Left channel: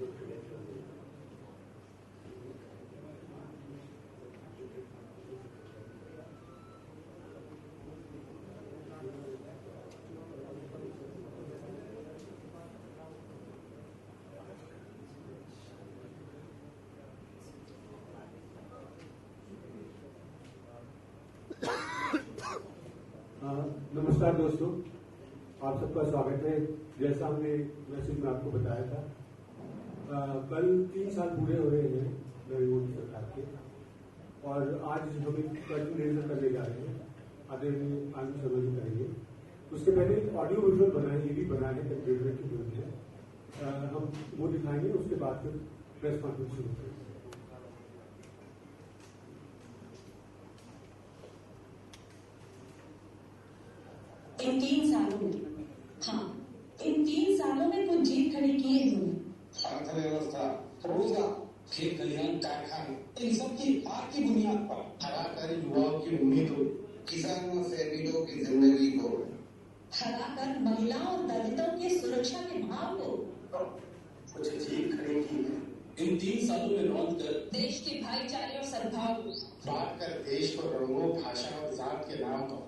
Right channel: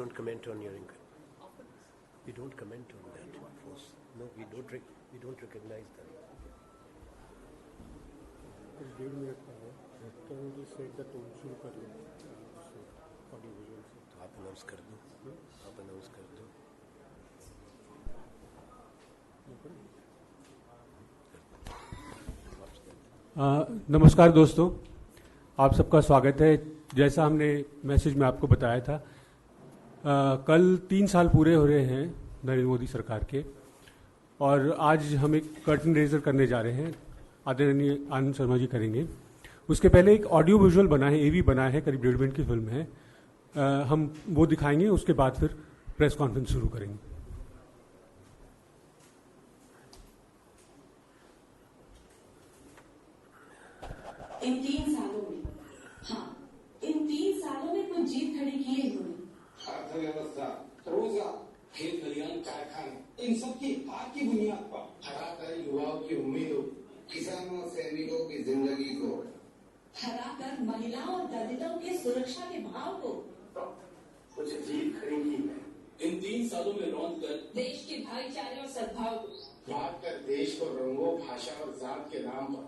don't comment on your inquiry. We don't comment on that. No, we don't recognize that. आप announce कर दो. नमस्कार दोस्तों, आप सबका स्वागत है। जैसा हमने मैसेज में आपको बताया था, कल 3 साल पूरे हो रहे हैं नरेंद्र मोदी सरकार के, और आज हम एक कर्टन रेजर करने जा रहे हैं। आदरणीय आनंद शर्मा जी करेंगे। उसके पहले एक ऑडियो विजुअल बना है, एवी बना है, करीब 1.5 मिनट की फिल्म है, हम वो दिखाएंगे। उसके बाद फिर प्रेस कॉन्फ्रेंस शुरू करेंगे। इन 3 सालों में, इन 3 सालों में कुछ जीत खड़ी की है इन्होंने। अर्थव्यवस्था, रोजगार, खेत खलिहान, कारखाने, इन सब की हार की बुनियाद पर हराकर युवाओं की उम्मीदों, किसानों से मीलों की जिंदगी को, हराकर महिलाओं और दलितों की सुरक्षा के भाव को कुछ जीत खड़ी की है। इन 3 सालों में रौंद कर देश के भाईचारे और सद्भाव को, बांट कर देश को रंगों, भाषा और जात के नाम पर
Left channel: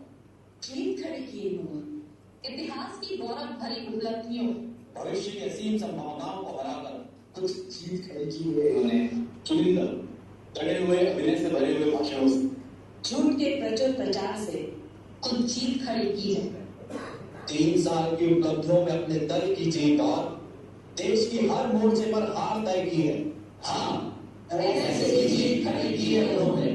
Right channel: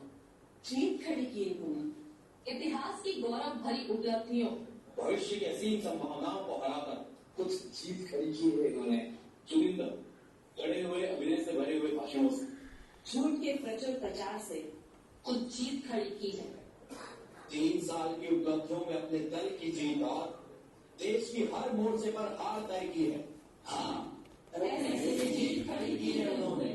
जीत खड़ी की इन्होंने। इतिहास की गौरव भरी उपलब्धियों, भविष्य की असीम संभावनाओं को हराकर कुछ जीत खड़ी की है इन्होंने। चुनिंदा चढ़े हुए अभिनय से भरे हुए भाषणों से, झूठ के प्रचुर प्रचार से कुछ जीत खड़ी की है। 3 साल की उपलब्धियों में अपने दल की जीत और देश की हर मोर्चे पर हार तय की है। ऐसे जीत खड़ी की है उन्होंने।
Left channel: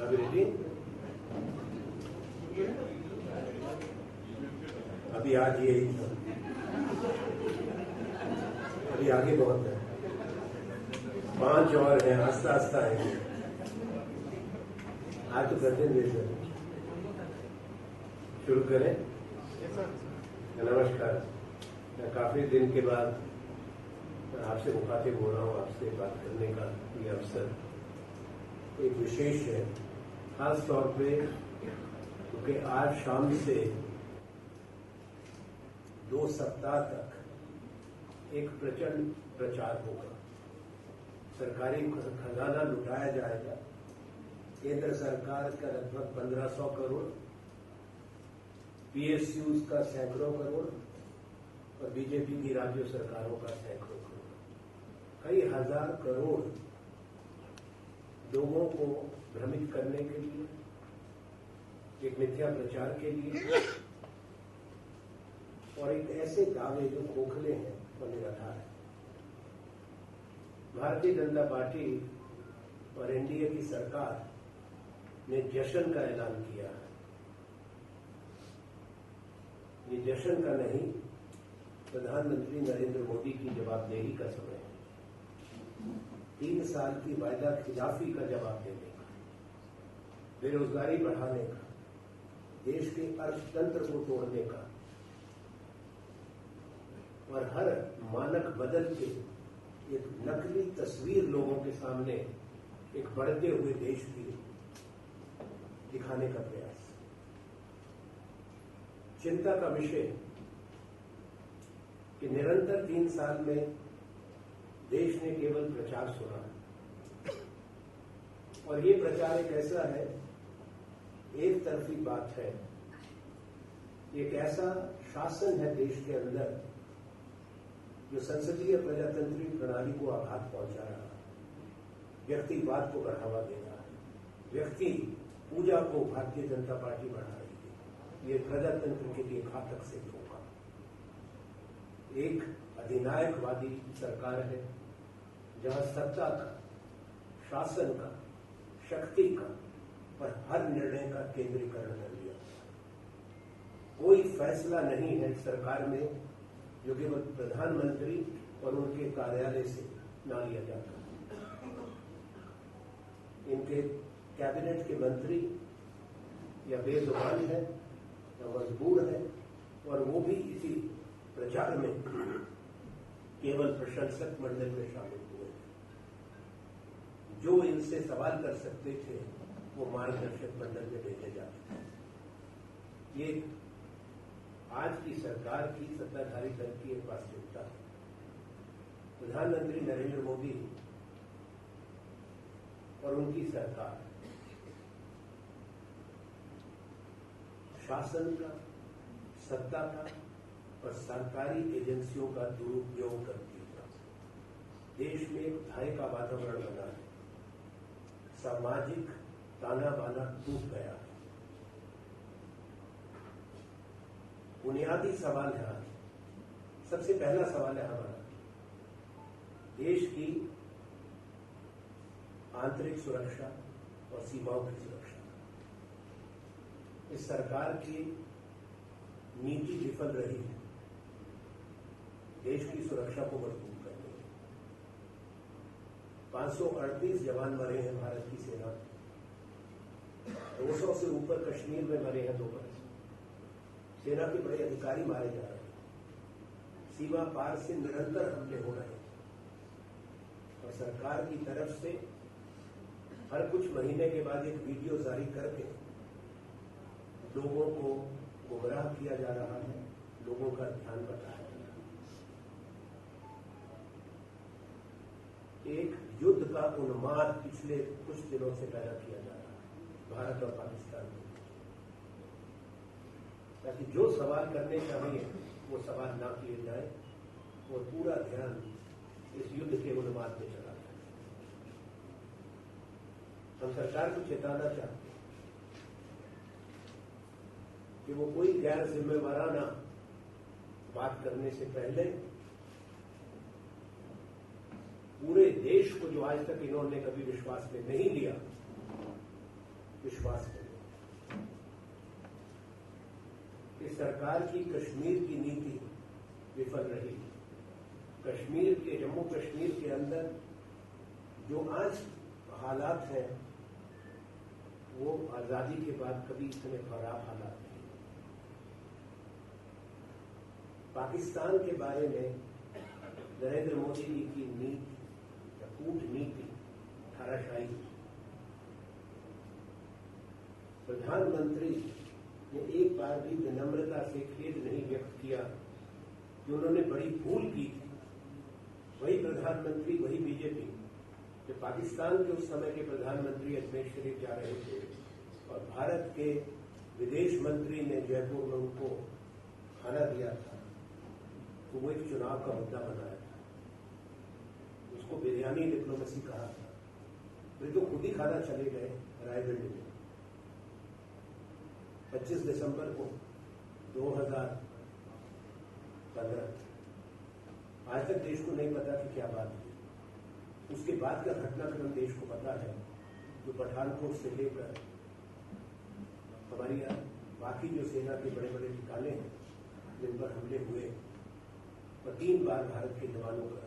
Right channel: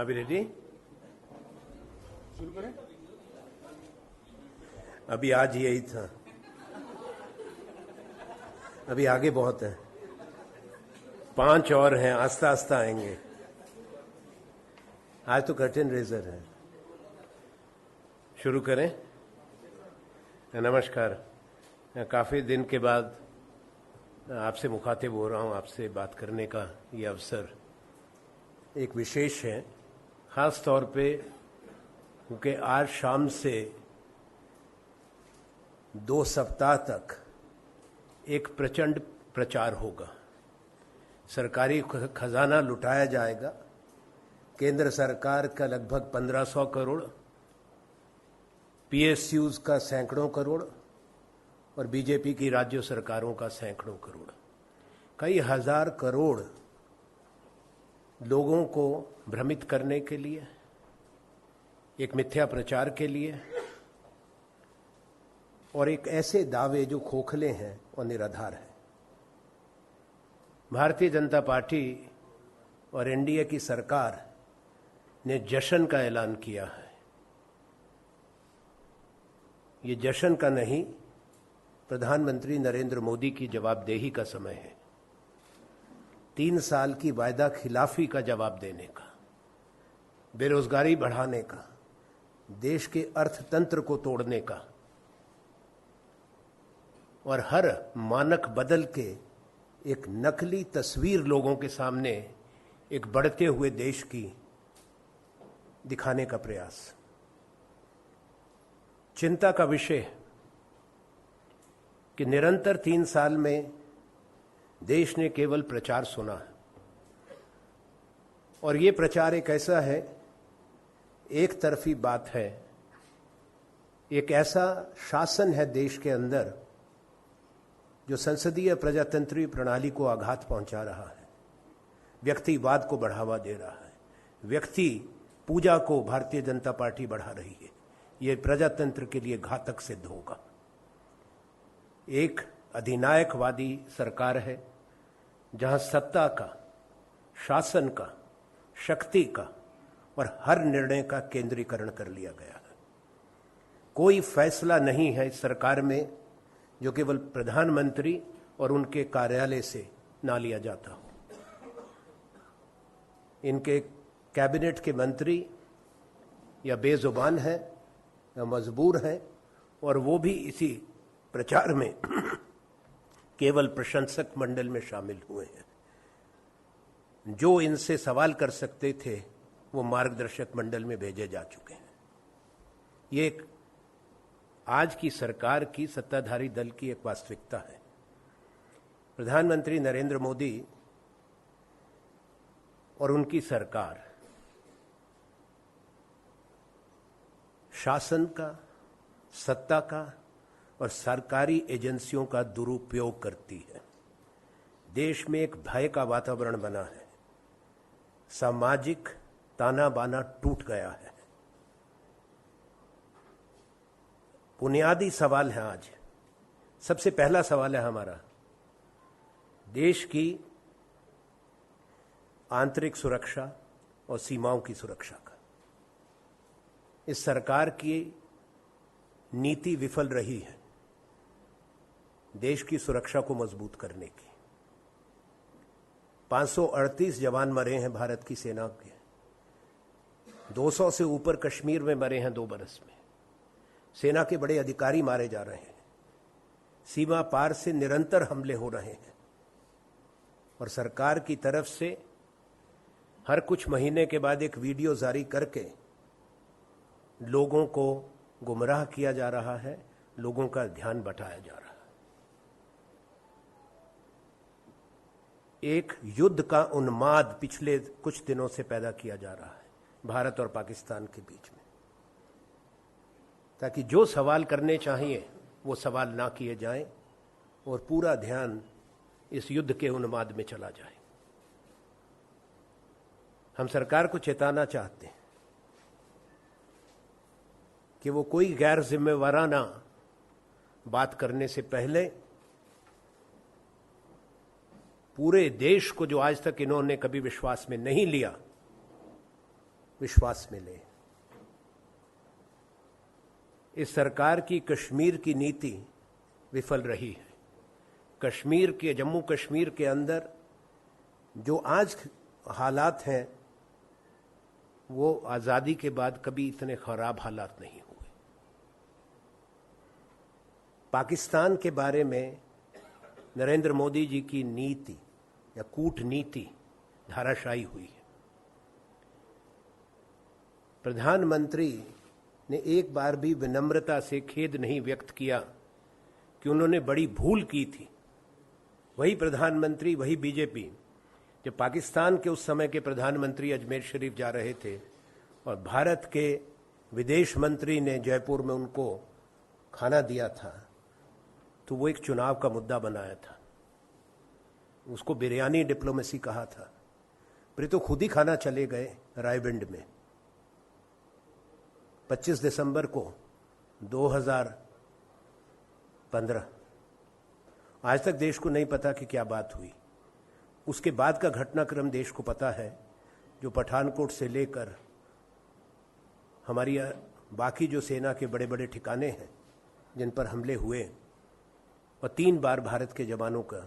अभी रेडी? अभी आज यही था, अभी आगे बहुत है। 5 और हैं, आस्ता आस्ता आएंगे। आज तो कर्टन रेजर है। शुरू करें? नमस्कार। काफ़ी दिन के बाद आपसे मुखातिब हो रहा हूँ। आपसे बात करने का ये अवसर एक विशेष है, ख़ास तौर पे क्योंकि आज शाम से 2 सप्ताह तक एक प्रचंड प्रचार होगा। सरकारी खजाना लुटाया जाएगा। केंद्र सरकार का लगभग 1500 करोड़, पीएसयूज का सैकड़ों करोड़ और बीजेपी की राज्य सरकारों का सैकड़ों करोड़, कई हजार करोड़ लोगों को भ्रमित करने के लिए, एक मिथ्या प्रचार के लिए, और एक ऐसे दावे जो खोखले हैं और निराधार हैं। भारतीय जनता पार्टी और एनडीए की सरकार ने जश्न का ऐलान किया है। ये जश्न का नहीं, प्रधानमंत्री नरेंद्र मोदी की जवाबदेही का समय है। 3 साल की वायदा खिलाफी का जवाब देने का, बेरोजगारी बढ़ाने का, देश के अर्थतंत्र को तोड़ने का और हर मानक बदल के एक नकली तस्वीर लोगों के सामने एक बढ़ते हुए देश की दिखाने का प्रयास। चिंता का विषय कि निरंतर 3 साल में देश ने केवल प्रचार सुना है, और ये प्रचार एक ऐसा है, एक तरफी बात है, एक ऐसा शासन है देश के अंदर जो संसदीय प्रजातंत्रीय प्रणाली को आघात पहुंचा रहा है, व्यक्तिवाद को बढ़ावा दे रहा है, व्यक्ति पूजा को भारतीय जनता पार्टी बढ़ा रही है। ये प्रजातंत्र के लिए घातक सिद्ध होगा। एक अधिनायकवादी सरकार है जहां सत्ता का, शासन का, शक्ति का और हर निर्णय का केंद्रीकरण कर लिया गया है। कोई फैसला नहीं है इस सरकार में जो केवल प्रधानमंत्री और उनके कार्यालय से ना लिया जाता हो। इनके कैबिनेट के मंत्री या बेजुबान हैं या मजबूर हैं, और वो भी इसी प्रचार में केवल प्रशंसक मंडल में शामिल हुए हैं। जो इनसे सवाल कर सकते थे वो मार्गदर्शक मंडल में भेजे जा चुके हैं। ये एक आज की सरकार की, सत्ताधारी दल की एक वास्तविकता है। प्रधानमंत्री नरेंद्र मोदी और उनकी सरकार शासन का, सत्ता का और सरकारी एजेंसियों का दुरुपयोग करती है। देश में एक भय का वातावरण बना है। सामाजिक ताना बाना टूट गया है। बुनियादी सवाल है आज, सबसे पहला सवाल है हमारा देश की आंतरिक सुरक्षा और सीमाओं की सुरक्षा का। इस सरकार की नीति विफल रही है देश की सुरक्षा को मजबूत करने की। 538 जवान मरे हैं भारत की सेना के, 200 से ऊपर कश्मीर में मरे हैं 2 बरस में। सेना के बड़े अधिकारी मारे जा रहे हैं, सीमा पार से निरंतर हमले हो रहे हैं और सरकार की तरफ से हर कुछ महीने के बाद एक वीडियो जारी करके लोगों को गुमराह किया जा रहा है, लोगों का ध्यान बटाया जा रहा है। एक युद्ध का उन्माद पिछले कुछ दिनों से पैदा किया जा रहा है भारत और पाकिस्तान के बीच में, ताकि जो सवाल करने चाहिए वो सवाल ना किए जाएं और पूरा ध्यान इस युद्ध के उन्माद में चला जाए। हम सरकार को चेताना चाहते हैं कि वो कोई गैर जिम्मेवाराना बात करने से पहले पूरे देश को, जो आज तक इन्होंने कभी विश्वास में नहीं लिया, विश्वास में ले। इस सरकार की कश्मीर की नीति विफल रही है। कश्मीर के, जम्मू कश्मीर के अंदर जो आज हालात हैं वो आज़ादी के बाद कभी इतने खराब हालात नहीं हुए। पाकिस्तान के बारे में नरेंद्र मोदी जी की नीति या कूटनीति धाराशायी हुई है। प्रधानमंत्री ने एक बार भी विनम्रता से खेद नहीं व्यक्त किया कि उन्होंने बड़ी भूल की थी। वही प्रधानमंत्री, वही बीजेपी, जब पाकिस्तान के उस समय के प्रधानमंत्री अजमेर शरीफ जा रहे थे और भारत के विदेश मंत्री ने जयपुर में उनको खाना दिया था, तो वो एक चुनाव का मुद्दा बनाया था। उसको बिरयानी डिप्लोमेसी कहा था। फिर तो खुद ही खाना चले गए रायबंड में 25 दिसंबर को 2015। आज तक देश को नहीं पता कि क्या बात हुई। उसके बाद का घटनाक्रम देश को पता है, जो पठानकोट से लेकर हमारी बाकी जो सेना के बड़े बड़े ठिकाने हैं जिन पर हमले हुए, और 3 बार भारत के जवानों का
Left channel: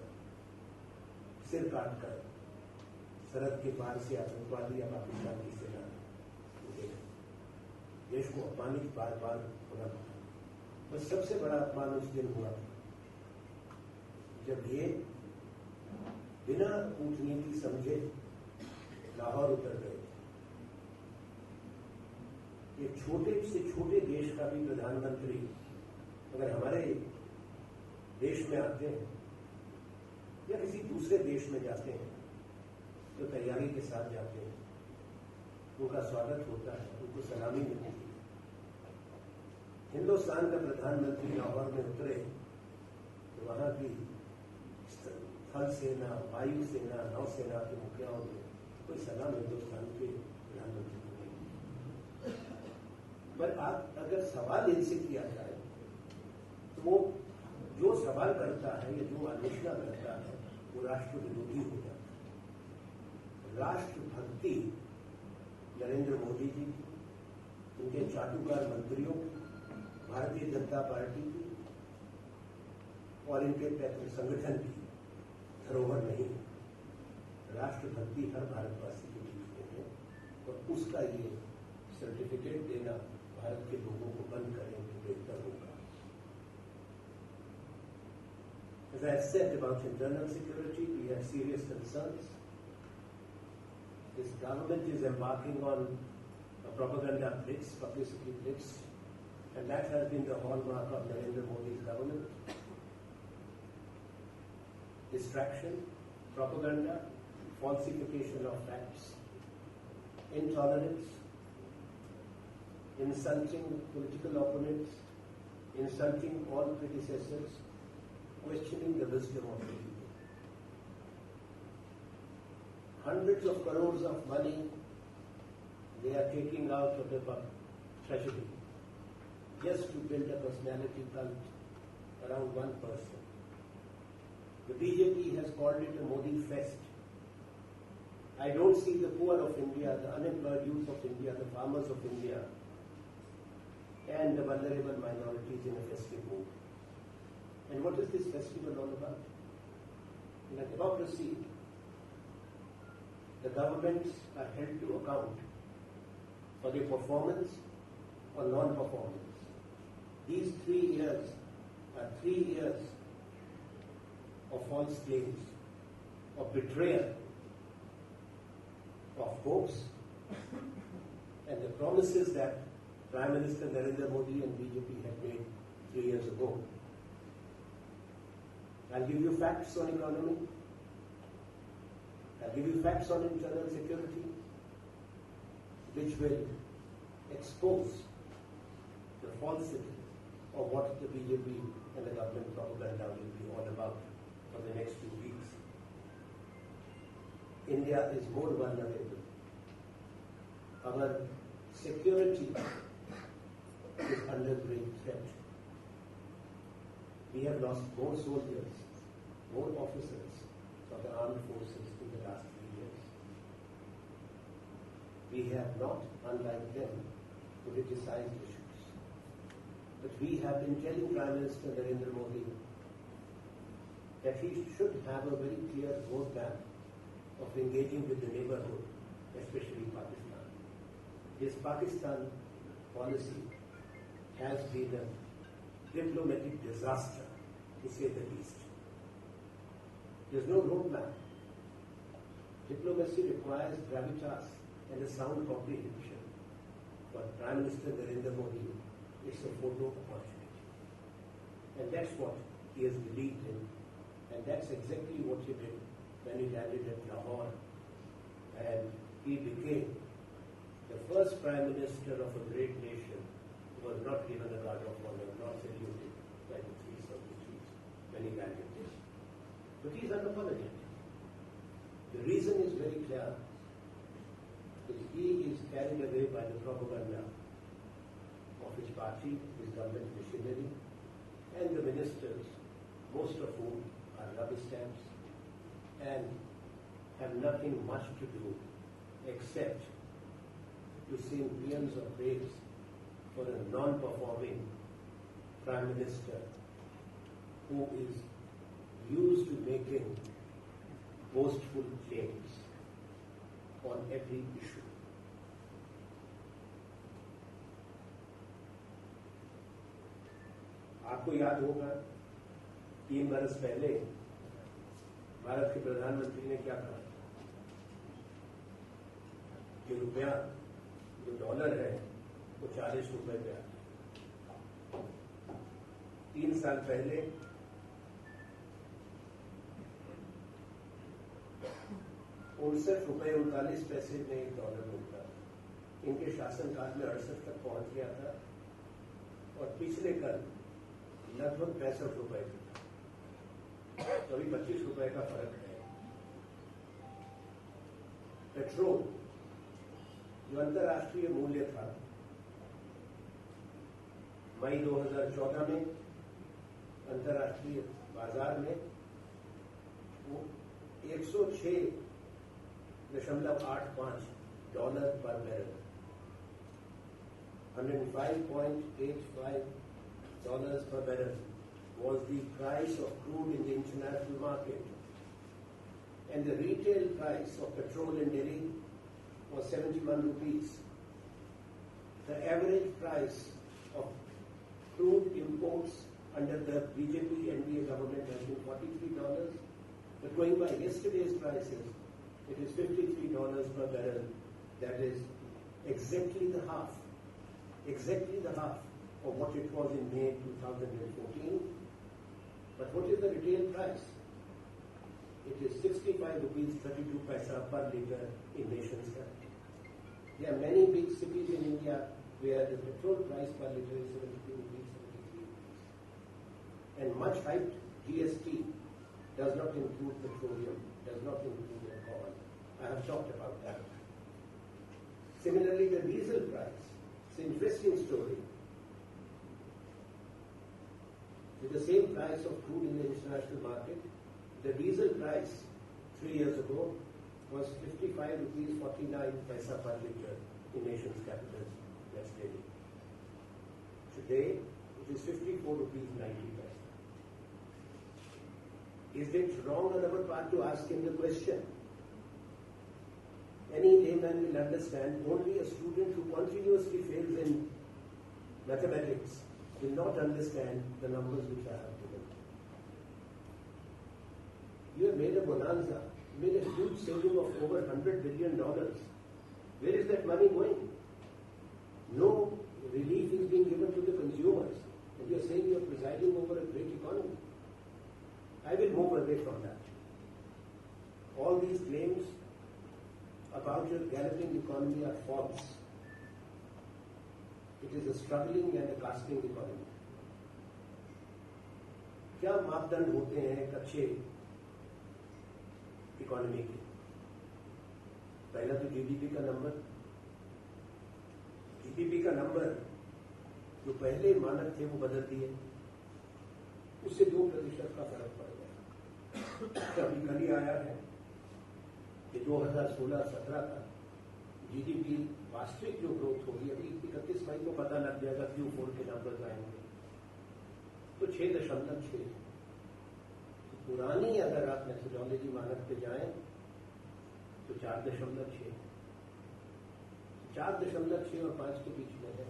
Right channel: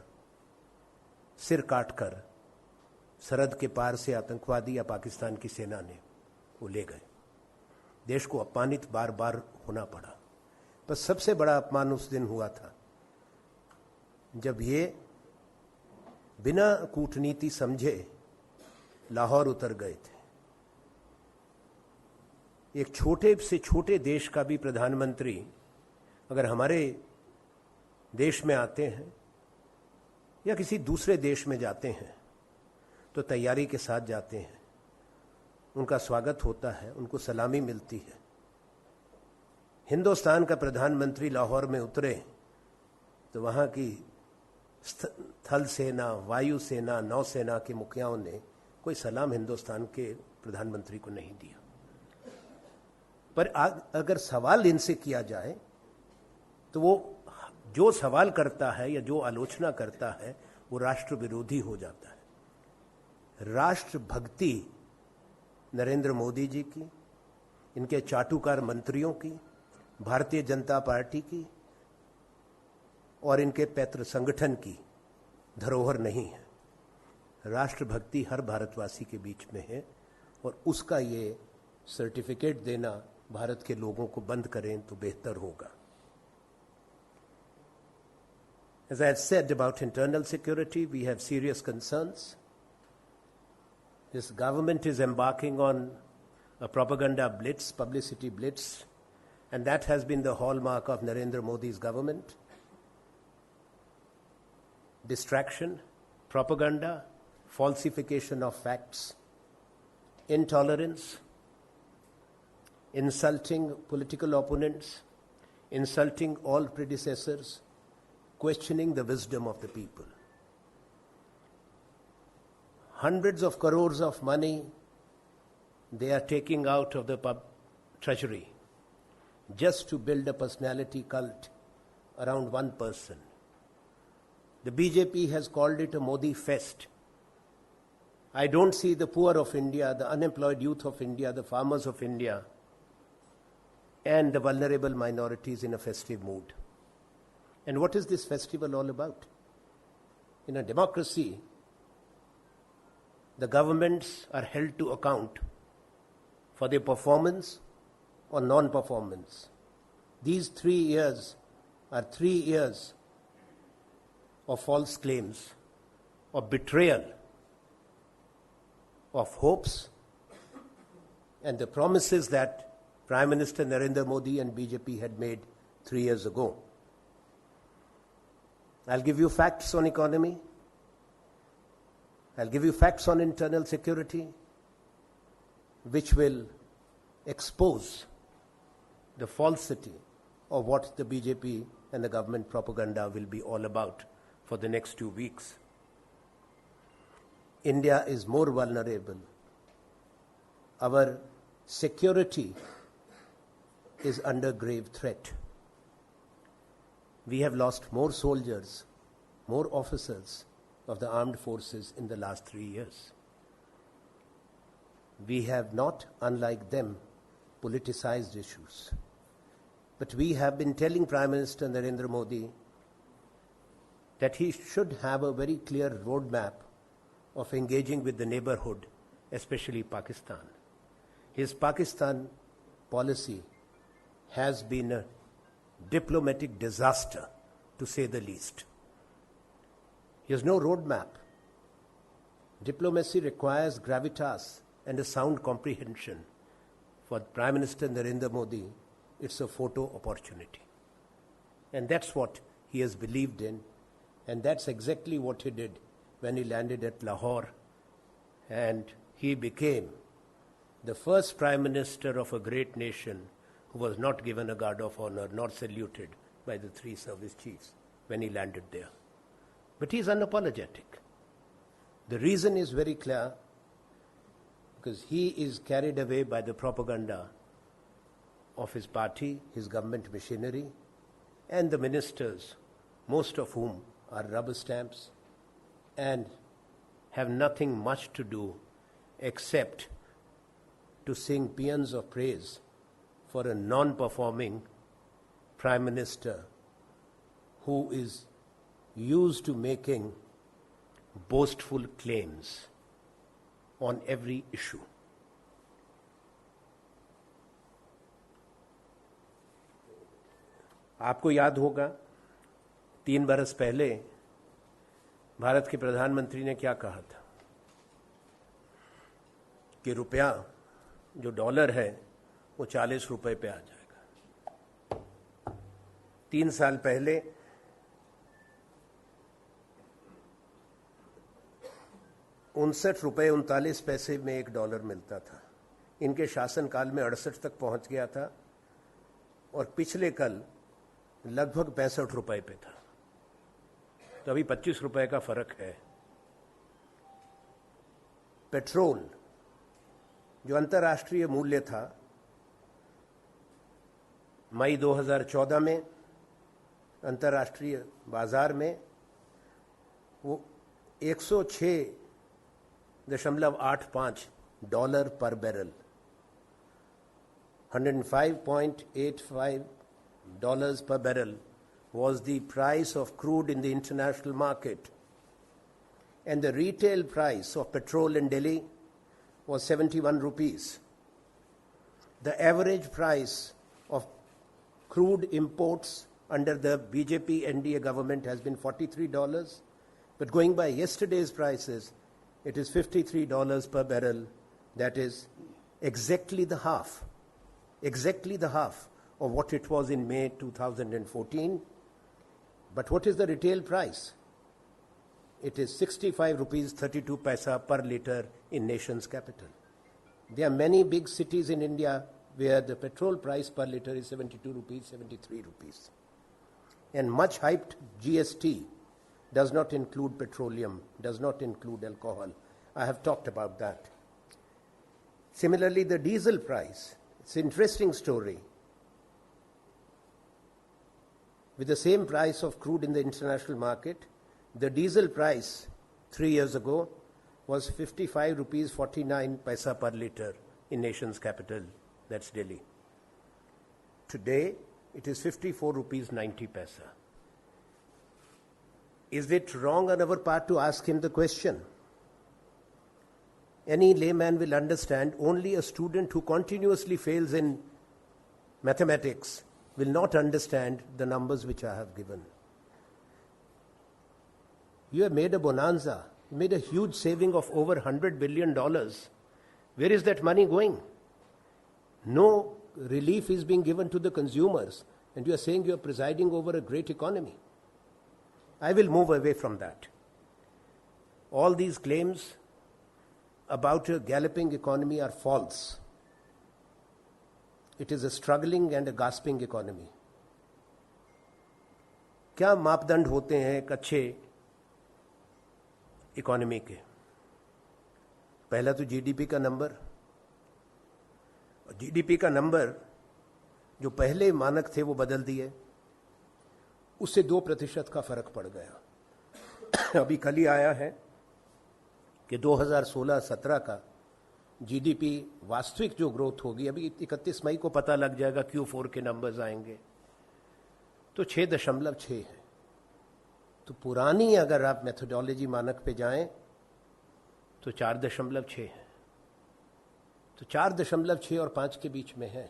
सिर काटकर सरहद के पार से आतंकवादी या पाकिस्तान की सेना ने वो ले गए। देश को अपमानित बार बार होना पड़ा। पर सबसे बड़ा अपमान उस दिन हुआ था जब ये बिना कूटनीति समझे लाहौर उतर गए थे। एक छोटे से छोटे देश का भी प्रधानमंत्री अगर हमारे देश में आते हैं या किसी दूसरे देश में जाते हैं तो तैयारी के साथ जाते हैं, उनका स्वागत होता है, उनको सलामी मिलती है। हिंदुस्तान का प्रधानमंत्री लाहौर में उतरे तो वहाँ की थल सेना, वायु सेना, नौसेना के मुखियाओं ने कोई सलाम हिंदुस्तान के प्रधानमंत्री को नहीं दिया। पर अगर सवाल इनसे किया जाए तो वो जो सवाल करता है या जो आलोचना करता है वो राष्ट्र विरोधी हो जाता है। राष्ट्र भक्ति नरेंद्र मोदी जी की, इनके चाटुकार मंत्रियों की, भारतीय जनता पार्टी की और इनके पैतृ संगठन की धरोहर नहीं है। राष्ट्रभक्ति हर भारतवासी के बीच में है और उसका ये सर्टिफिकेट देना भारत के लोगों को बंद करें तो बेहतर होगा। As I had said about internal security, we have serious concerns. This government is embarking on a propaganda blitz, publicity blitz, and that has been the hallmark of Narendra Modi's government. Distraction, propaganda, falsification of facts, intolerance, insulting political opponents, insulting all predecessors, questioning the wisdom of the people. Hundreds of crores of money they are taking out of the treasury just to build a personality cult around one person. The BJP has called it a Modi fest. I don't see the poor of India, the unemployed youth of India, the farmers of India, and the vulnerable minorities in a festive mood. And what is this festival all about? In a democracy, the governments are held to account for their performance or non-performance. These 3 years are 3 years of false claims, of betrayal, of hopes, and the promises that Prime Minister Narendra Modi and BJP had made 3 years ago. I'll give you facts on economy. I'll give you facts on internal security, which will expose the falsity of what the BJP and the government propaganda will be all about for the next 2 weeks. India is more vulnerable. Our security is under grave threat. We have lost more soldiers, more officers of the armed forces in the last 3 years. We have not, unlike them, politicized issues. But we have been telling Prime Minister Narendra Modi that he should have a very clear roadmap of engaging with the neighborhood, especially Pakistan. His Pakistan policy has been a diplomatic disaster, to say the least. He has no roadmap. Diplomacy requires gravitas and a sound comprehension. For Prime Minister Narendra Modi, it's a photo opportunity. And that's what he has believed in, and that's exactly what he did when he landed at Lahore, and he became the first Prime Minister of a great nation who was not given a guard of honor, not saluted by the 3 service chiefs when he landed there. But he is unapologetic. The reason is very clear, because he is carried away by the propaganda of his party, his government machinery, and the ministers, most of whom are rubber stamps and have nothing much to do except to sing paeans of praise for a non-performing Prime Minister who is used to making boastful claims on every issue. आपको याद होगा 3 बरस पहले भारत के प्रधानमंत्री ने क्या कहा था कि रुपया जो डॉलर है वो 40 रुपए पे आ जाएगा। 3 साल पहले ₹59.39 में $1 मिलता था। इनके शासनकाल में 68 तक पहुंच गया था और पिछले कल लगभग 65 रुपए पे था। तो अभी 25 रुपए का फर्क है। पेट्रोल जो अंतर्राष्ट्रीय मूल्य था मई 2014 में अंतर्राष्ट्रीय बाजार में वो $106.85 पर barrel, $105.85 per barrel was the price of crude in the international market, and the retail price of petrol in Delhi was 71 rupees. The average price of crude imports under the BJP NDA government has been $43, but going by yesterday's prices, it is $53 per barrel. That is exactly the half of what it was in May 2014. But what is the retail price? It is 65 rupees 32 paisa per litre in nation's capital. There are many big cities in India where the petrol price per litre is 72 rupees, 73 rupees. And much hyped GST does not include petroleum, does not include alcohol. I have talked about that. Similarly, the diesel price, it's an interesting story. With the same price of crude in the international market, the diesel price 3 years ago was 55 rupees 49 paisa per litre in nation's capital, that's Delhi. Today, it is 54 rupees 90 paisa. Is it wrong on our part to ask him the question? Any layman will understand only a student who continuously fails in mathematics will not understand the numbers which I have given. You have made a bonanza, made a huge saving of over $100 billion. Where is that money going? No relief is being given to the consumers, and you are saying you are presiding over a great economy. I will move away from that. All these claims about a galloping economy are false. It is a struggling and a gasping economy. क्या मापदंड होते हैं एक अच्छे economy के? पहला तो GDP का नंबर. जीडीपी का नंबर जो पहले मानक थे वो बदल दिए, उससे 2% का फर्क पड़ गया. अभी कल ही आया है कि 2016-17 का जीडीपी वास्तविक जो ग्रोथ होगी, अभी 31 मई को पता लग जाएगा, Q4 के नंबर्स आएंगे, तो 6.6 है. तो पुरानी अगर आप मेथोडोलॉजी मानक पे जाएं तो 4.6 है. तो 4.6 और 5 के बीच में है.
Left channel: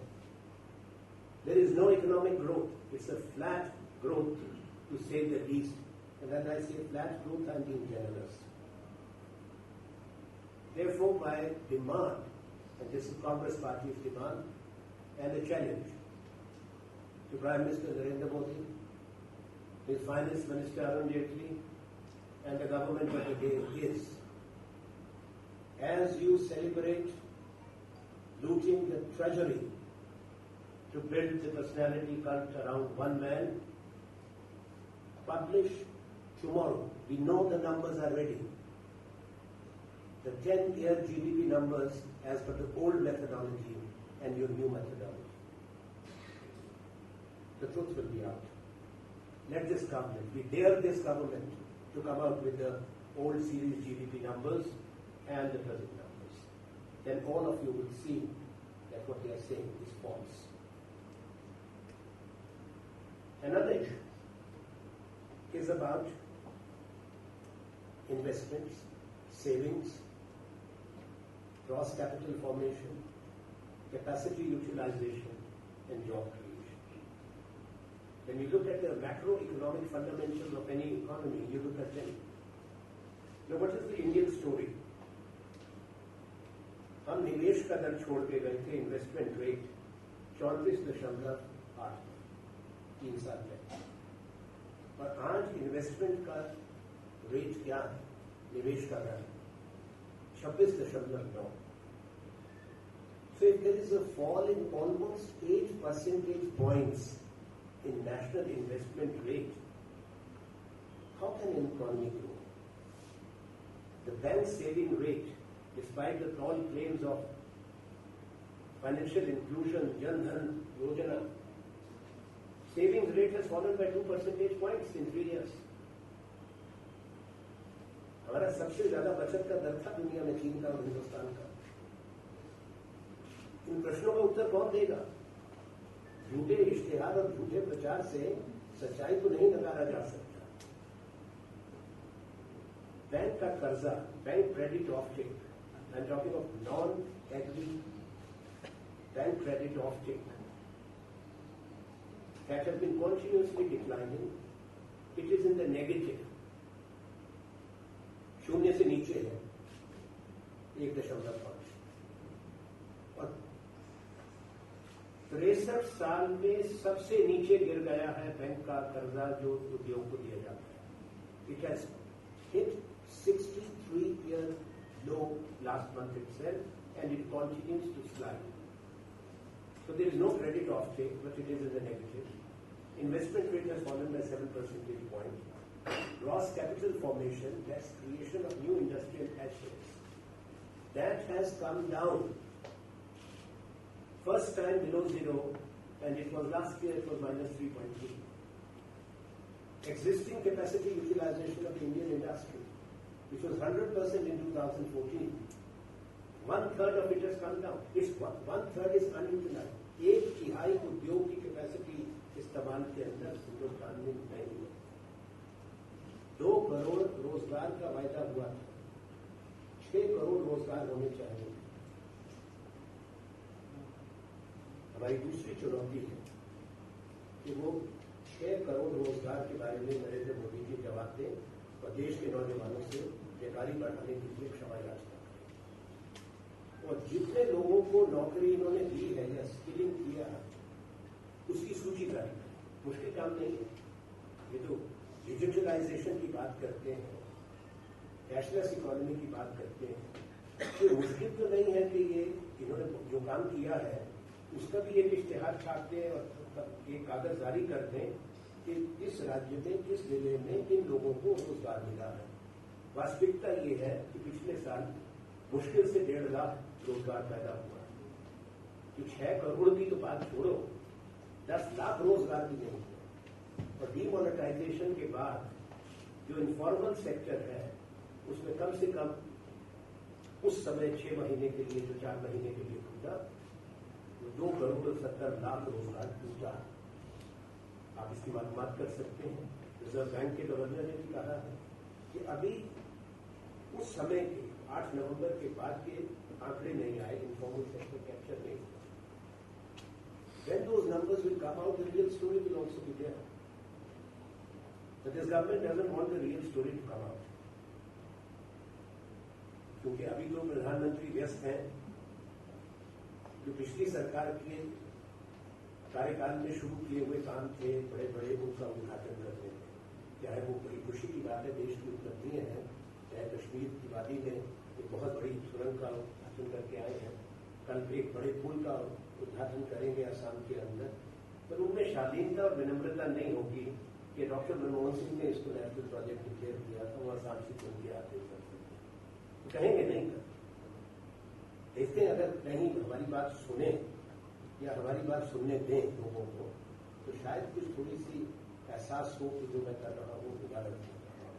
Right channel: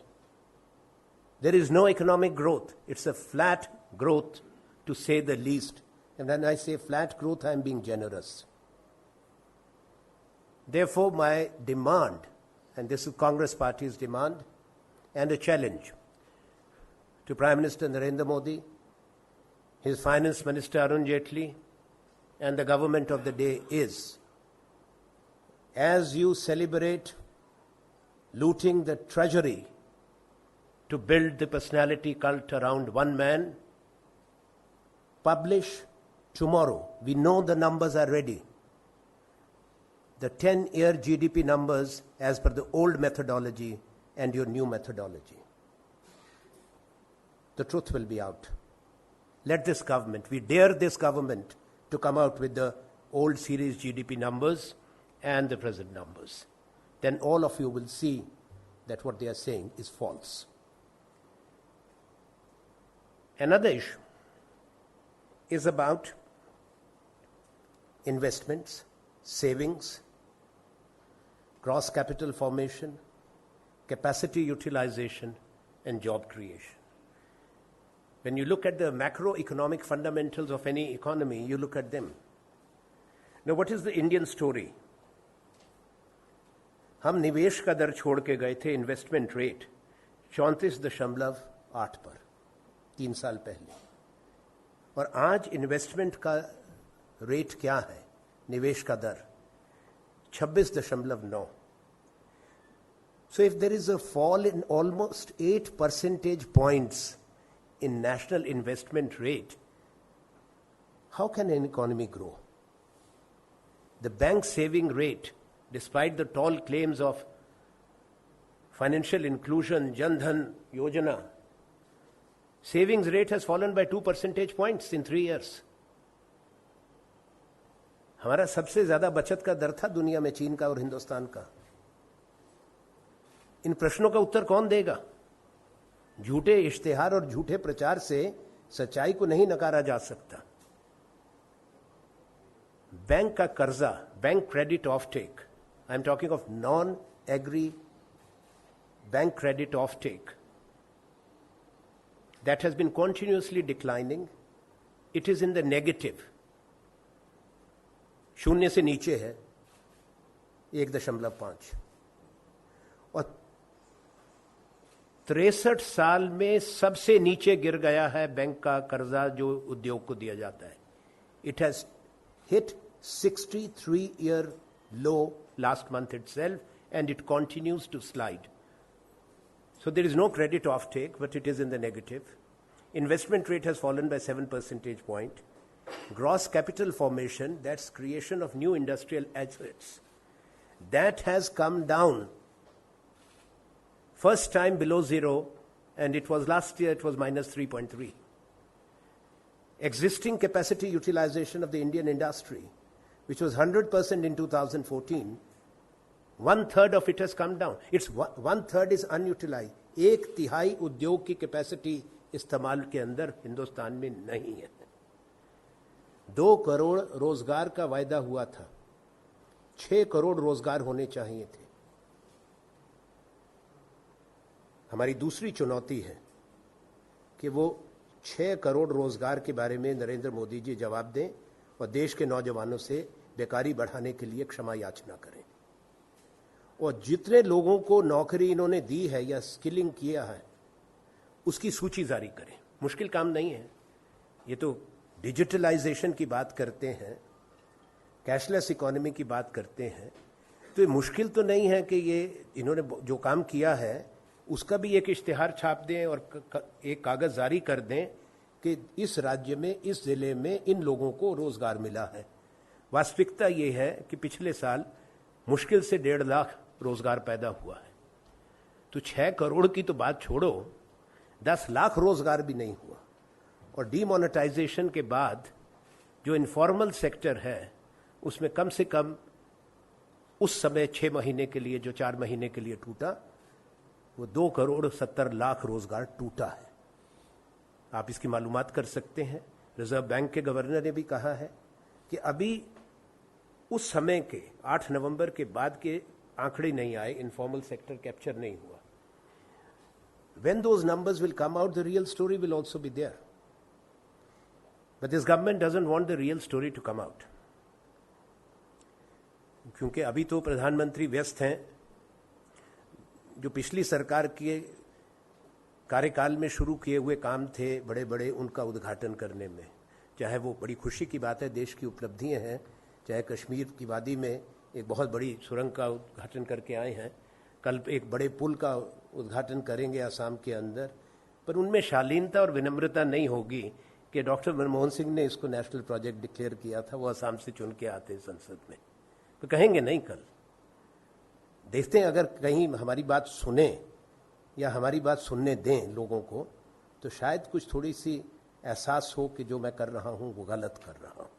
There is no economic growth. It's a flat growth, to say the least. And when I say flat growth, I am being generous. Therefore, my demand, and this is Congress Party's demand, and a challenge to Prime Minister Narendra Modi, his Finance Minister Arun Jaitley, and the government of the day is, as you celebrate looting the treasury to build the personality cult around one man, publish tomorrow, we know the numbers are ready, the 10-year GDP numbers as per the old methodology and your new methodology. The truth will be out. Let this government, we dare this government to come out with the old series GDP numbers and the present numbers. Then all of you will see that what they are saying is false. Another issue is about investments, savings, gross capital formation, capacity utilization, and job creation. When you look at the macroeconomic fundamentals of any economy, you look at them. Now, what is the Indian story? हम निवेश का दर छोड़ के गए थे investment rate 34.8 पर 3 साल पहले, और आज इन्वेस्टमेंट का रेट क्या है, निवेश का दर 26.9. So if there is a fall in almost 8 percentage points in national investment rate, how can an economy grow? The bank saving rate, despite the tall claims of financial inclusion, Jan Dhan Yojana, savings rate has fallen by 2 percentage points in 3 years. हमारा सबसे ज़्यादा बचत का दर था दुनिया में चीन का और हिंदुस्तान का. इन प्रश्नों का उत्तर कौन देगा? झूठे इश्तिहार और झूठे प्रचार से सच्चाई को नहीं नकारा जा सकता. बैंक का कर्जा, bank credit off take, I am talking of non agri bank credit off take, that has been continuously declining. It is in the negative. शून्य से नीचे है 1.5 और 63 साल में सबसे नीचे गिर गया है बैंक का कर्जा जो उद्योग को दिया जाता है. It has hit 63-year low last month itself, and it continues to slide. So there is no credit offtake, but it is in the negative. Investment rate has fallen by 7 percentage points. Gross capital formation, that's creation of new industrial assets, that has come down. First time below zero, and it was last year, it was minus 3.3. Existing capacity utilization of the Indian industry, which was 100% in 2014, 1/3 of it has come down. It's 1/3 is unutilized. 1/3 उद्योग की capacity इस्तेमाल के अंदर हिंदुस्तान में नहीं है. 2 करोड़ रोजगार का वायदा हुआ था, 6 करोड़ रोजगार होने चाहिए थे. हमारी दूसरी चुनौती है कि वो 6 करोड़ रोजगार के बारे में नरेंद्र मोदी जी जवाब दें और देश के नौजवानों से बेकारी बढ़ाने के लिए क्षमा याचना करें. और जितने लोगों को नौकरी इन्होंने दी है या स्किलिंग किया है उसकी सूची जारी करें. मुश्किल काम नहीं है. ये तो डिजिटलाइजेशन की बात करते हैं, कैशलेस इकोनॉमी की बात करते हैं, तो ये मुश्किल तो नहीं है कि ये इन्होंने जो काम किया है उसका भी एक इश्तिहार छाप दें और एक कागज़ जारी कर दें कि इस राज्य में, इस ज़िले में इन लोगों को रोज़गार मिला है. वास्तविकता ये है कि पिछले साल मुश्किल से 1.5 लाख रोज़गार पैदा हुआ है. तो 6 करोड़ की तो बात छोड़ो, 10 लाख रोज़गार भी नहीं हुआ. और डीमोनेटाइजेशन के बाद जो इनफॉर्मल सेक्टर है उसमें कम से कम उस समय 6 महीने के लिए, जो 4 महीने के लिए टूटा, वो 2 करोड़ 70 लाख रोज़गार टूटा है. आप इसकी मालूमात कर सकते हैं. रिजर्व बैंक के गवर्नर ने भी कहा है कि अभी उस समय के 8 नवंबर के बाद के आंकड़े नहीं आए, इनफॉर्मल सेक्टर कैप्चर नहीं हुआ. When those numbers will come out, the real story will also be there. But this government doesn't want the real story to come out. क्योंकि अभी तो प्रधानमंत्री व्यस्त हैं. जो पिछली सरकार के कार्यकाल में शुरू किए हुए काम थे बड़े बड़े, उनका उद्घाटन करने में, चाहे वो बड़ी खुशी की बात है, देश की उपलब्धियां हैं, चाहे कश्मीर की वादी में एक बहुत बड़ी सुरंग का उद्घाटन करके आए हैं, कल एक बड़े पुल का उद्घाटन करेंगे आसाम के अंदर, पर उनमें शालीनता और विनम्रता नहीं होगी कि डॉक्टर मनमोहन सिंह ने इसको नेशनल प्रोजेक्ट डिक्लेयर किया था, वो आसाम से चुन के आते हैं संसद में, तो कहेंगे नहीं. कल देखते हैं, अगर कहीं हमारी बात सुने या हमारी बात सुनने दें लोगों को, तो शायद कुछ थोड़ी सी एहसास हो कि जो मैं कर रहा हूँ वो गलत कर रहा हूँ.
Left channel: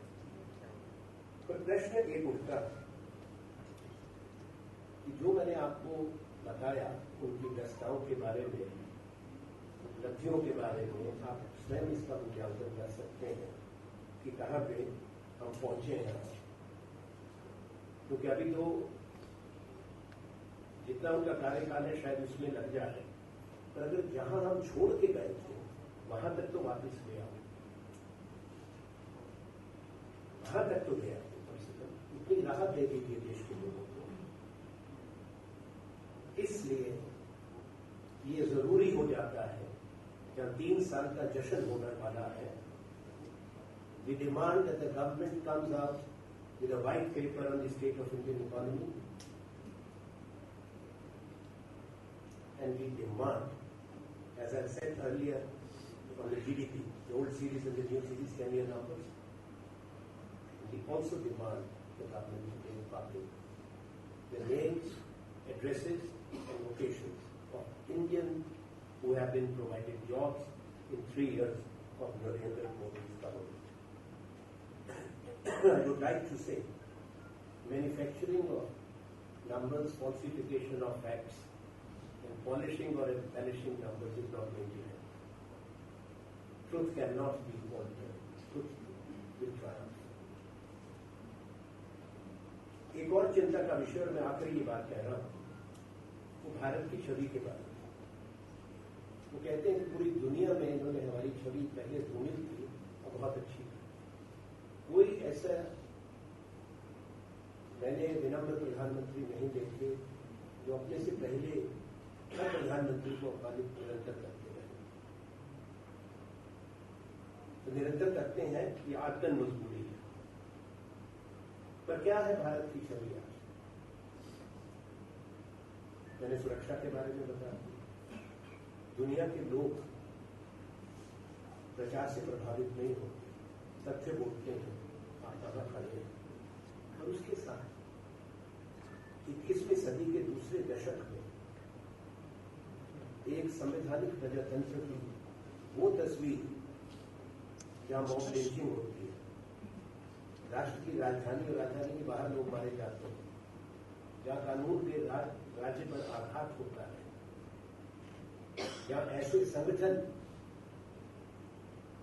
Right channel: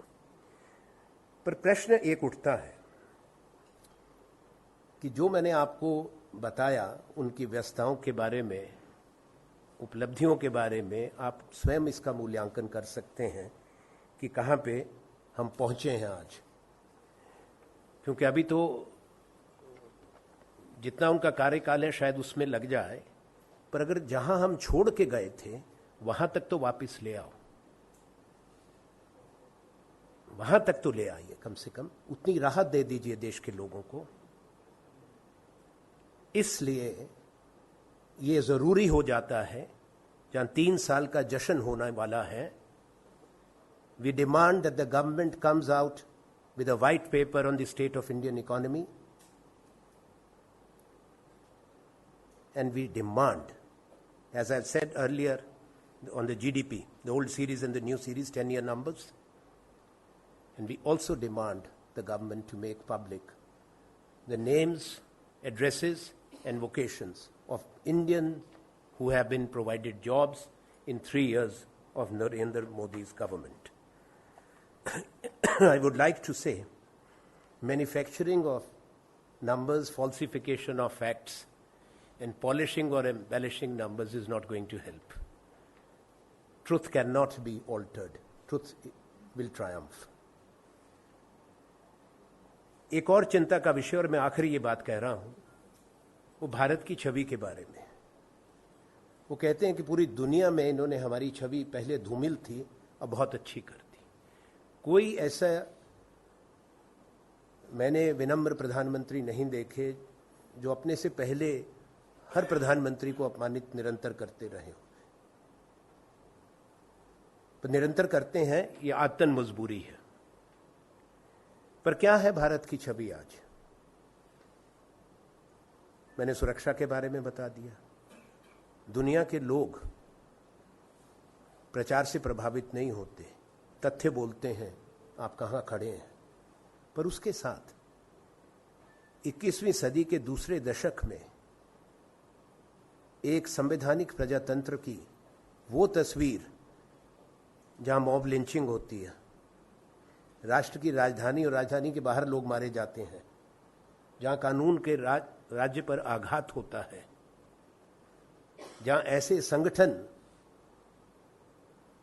पर प्रश्न एक उठता है कि जो मैंने आपको बताया उनकी व्यस्तताओं के बारे में, उपलब्धियों के बारे में, आप स्वयं इसका मूल्यांकन कर सकते हैं कि कहाँ पे हम पहुँचे हैं आज. क्योंकि अभी तो जितना उनका कार्यकाल है शायद उसमें लग जाए, पर अगर जहां हम छोड़ के गए थे वहां तक तो वापस ले आओ, वहां तक तो ले आइए. कम से कम उतनी राहत दे दीजिए देश के लोगों को. इसलिए ये ज़रूरी हो जाता है, जहां 3 साल का जश्न होने वाला है, we demand that the government comes out with a white paper on the state of Indian economy, and we demand, as I've said earlier, on the GDP, the old series and the new series, 10-year numbers, and we also demand the government to make public the names, addresses and vocations of Indian who have been provided jobs in 3 years of Narendra Modi's government. I would like to say, manufacturing of numbers, falsification of facts, and polishing or embellishing numbers is not going to help. Truth cannot be altered. Truth will triumph. एक और चिंता का विषय, और मैं आखिरी ये बात कह रहा हूं, वो भारत की छवि के बारे में. वो कहते हैं कि पूरी दुनिया में इन्होंने हमारी छवि पहले धूमिल थी, अब बहुत अच्छी कर दी। कोई ऐसा मैंने विनम्र प्रधानमंत्री नहीं देखे जो अपने से पहले हर प्रधानमंत्री को अपमानित निरंतर करते रहे। तो निरंतर करते हैं, ये आदतन मजबूरी है। पर क्या है भारत की छवि आज? मैंने सुरक्षा के बारे में बता दिया। दुनिया के लोग प्रचार से प्रभावित नहीं होते, तथ्य बोलते हैं आप कहाँ खड़े हैं। पर उसके साथ 21वीं सदी के दूसरे दशक में एक संवैधानिक प्रजातंत्र की वो तस्वीर जहां मॉब लिंचिंग होती है, राष्ट्र की राजधानी और राजधानी के बाहर लोग मारे जाते हैं, जहां कानून के राज्य पर आघात होता है, जहां ऐसे संगठन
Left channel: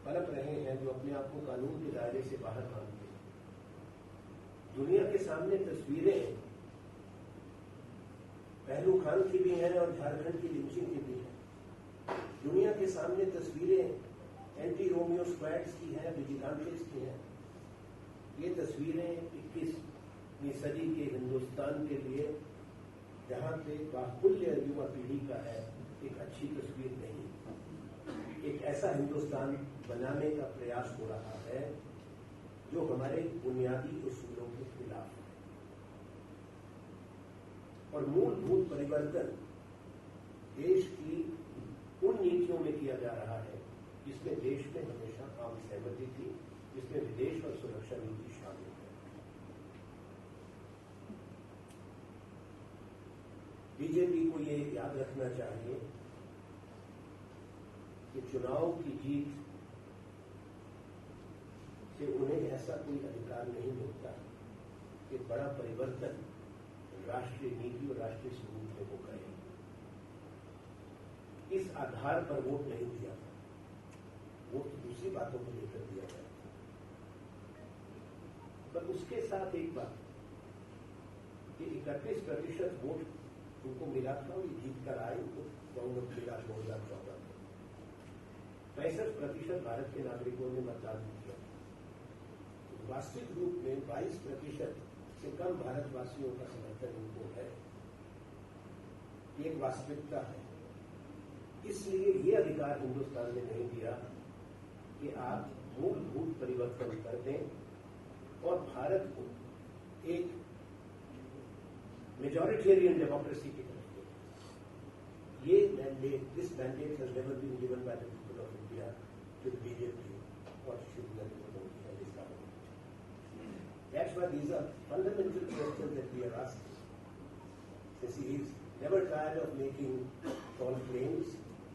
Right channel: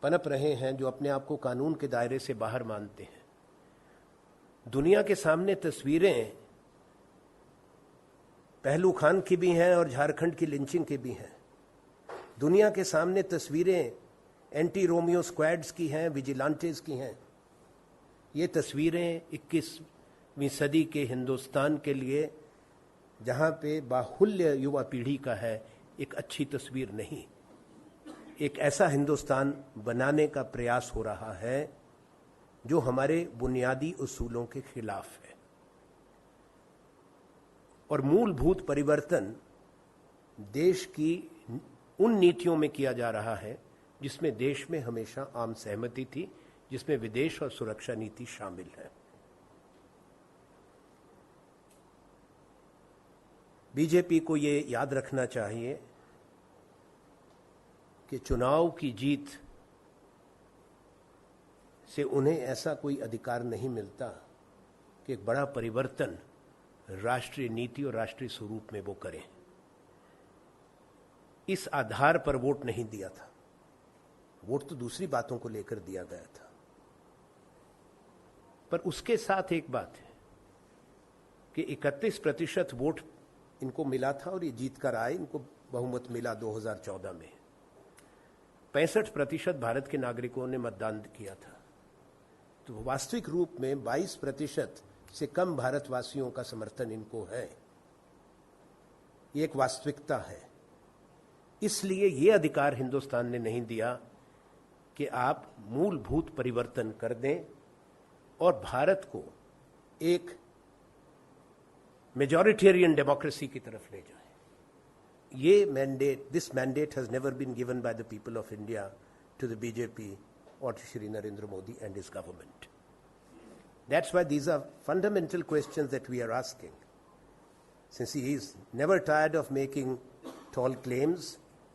पनप रहे हैं जो अपने आप को कानून के दायरे से बाहर मानते हैं। दुनिया के सामने तस्वीरें पहलू खान की भी हैं और झारखंड की लिंचिंग की भी हैं। दुनिया के सामने तस्वीरें एंटी रोमियो स्क्वाड्स की हैं, विजिलांटेस की हैं। ये तस्वीरें 21वीं सदी के हिंदुस्तान के लिए, जहाँ पे बाहुल्य युवा पीढ़ी का है, एक अच्छी तस्वीर नहीं। एक ऐसा हिंदुस्तान बनाने का प्रयास हो रहा है जो हमारे बुनियादी उसूलों के खिलाफ है। और मूलभूत परिवर्तन देश की उन नीतियों में किया जा रहा है जिसमें देश में हमेशा आम सहमति थी, जिसमें विदेश और सुरक्षा नीति शामिल है। बीजेपी को ये याद रखना चाहिए कि चुनाव की जीत से उन्हें ऐसा कोई अधिकार नहीं मिलता कि एक बड़ा परिवर्तन राष्ट्रीय नीति और राष्ट्रीय स्वरूप में वो करें। इस आधार पर वोट नहीं दिया था। वोट तो दूसरी बातों को लेकर दिया गया था। पर उसके साथ एक बात है कि 31% वोट इनको मिला था और ये जीत कर आए, इनको बहुमत मिला 2014 में। 65% भारत के नागरिकों ने मतदान किया था। तो वास्तविक रूप में 22% से कम भारतवासियों का समर्थन इनको है। ये एक वास्तविकता है। इसलिए ये अधिकार हिंदुस्तान ने नहीं दिया कि आप मूलभूत परिवर्तन कर दें और भारत को एक मेजॉरिटेरियन डेमोक्रेसी की तरफ ले जाए। ये mandate, this mandate has never been given by the people of India to the BJP और Shri Narendra Modi and his government. That's why these are fundamental questions that we are asking. Since he is never tired of making tall claims,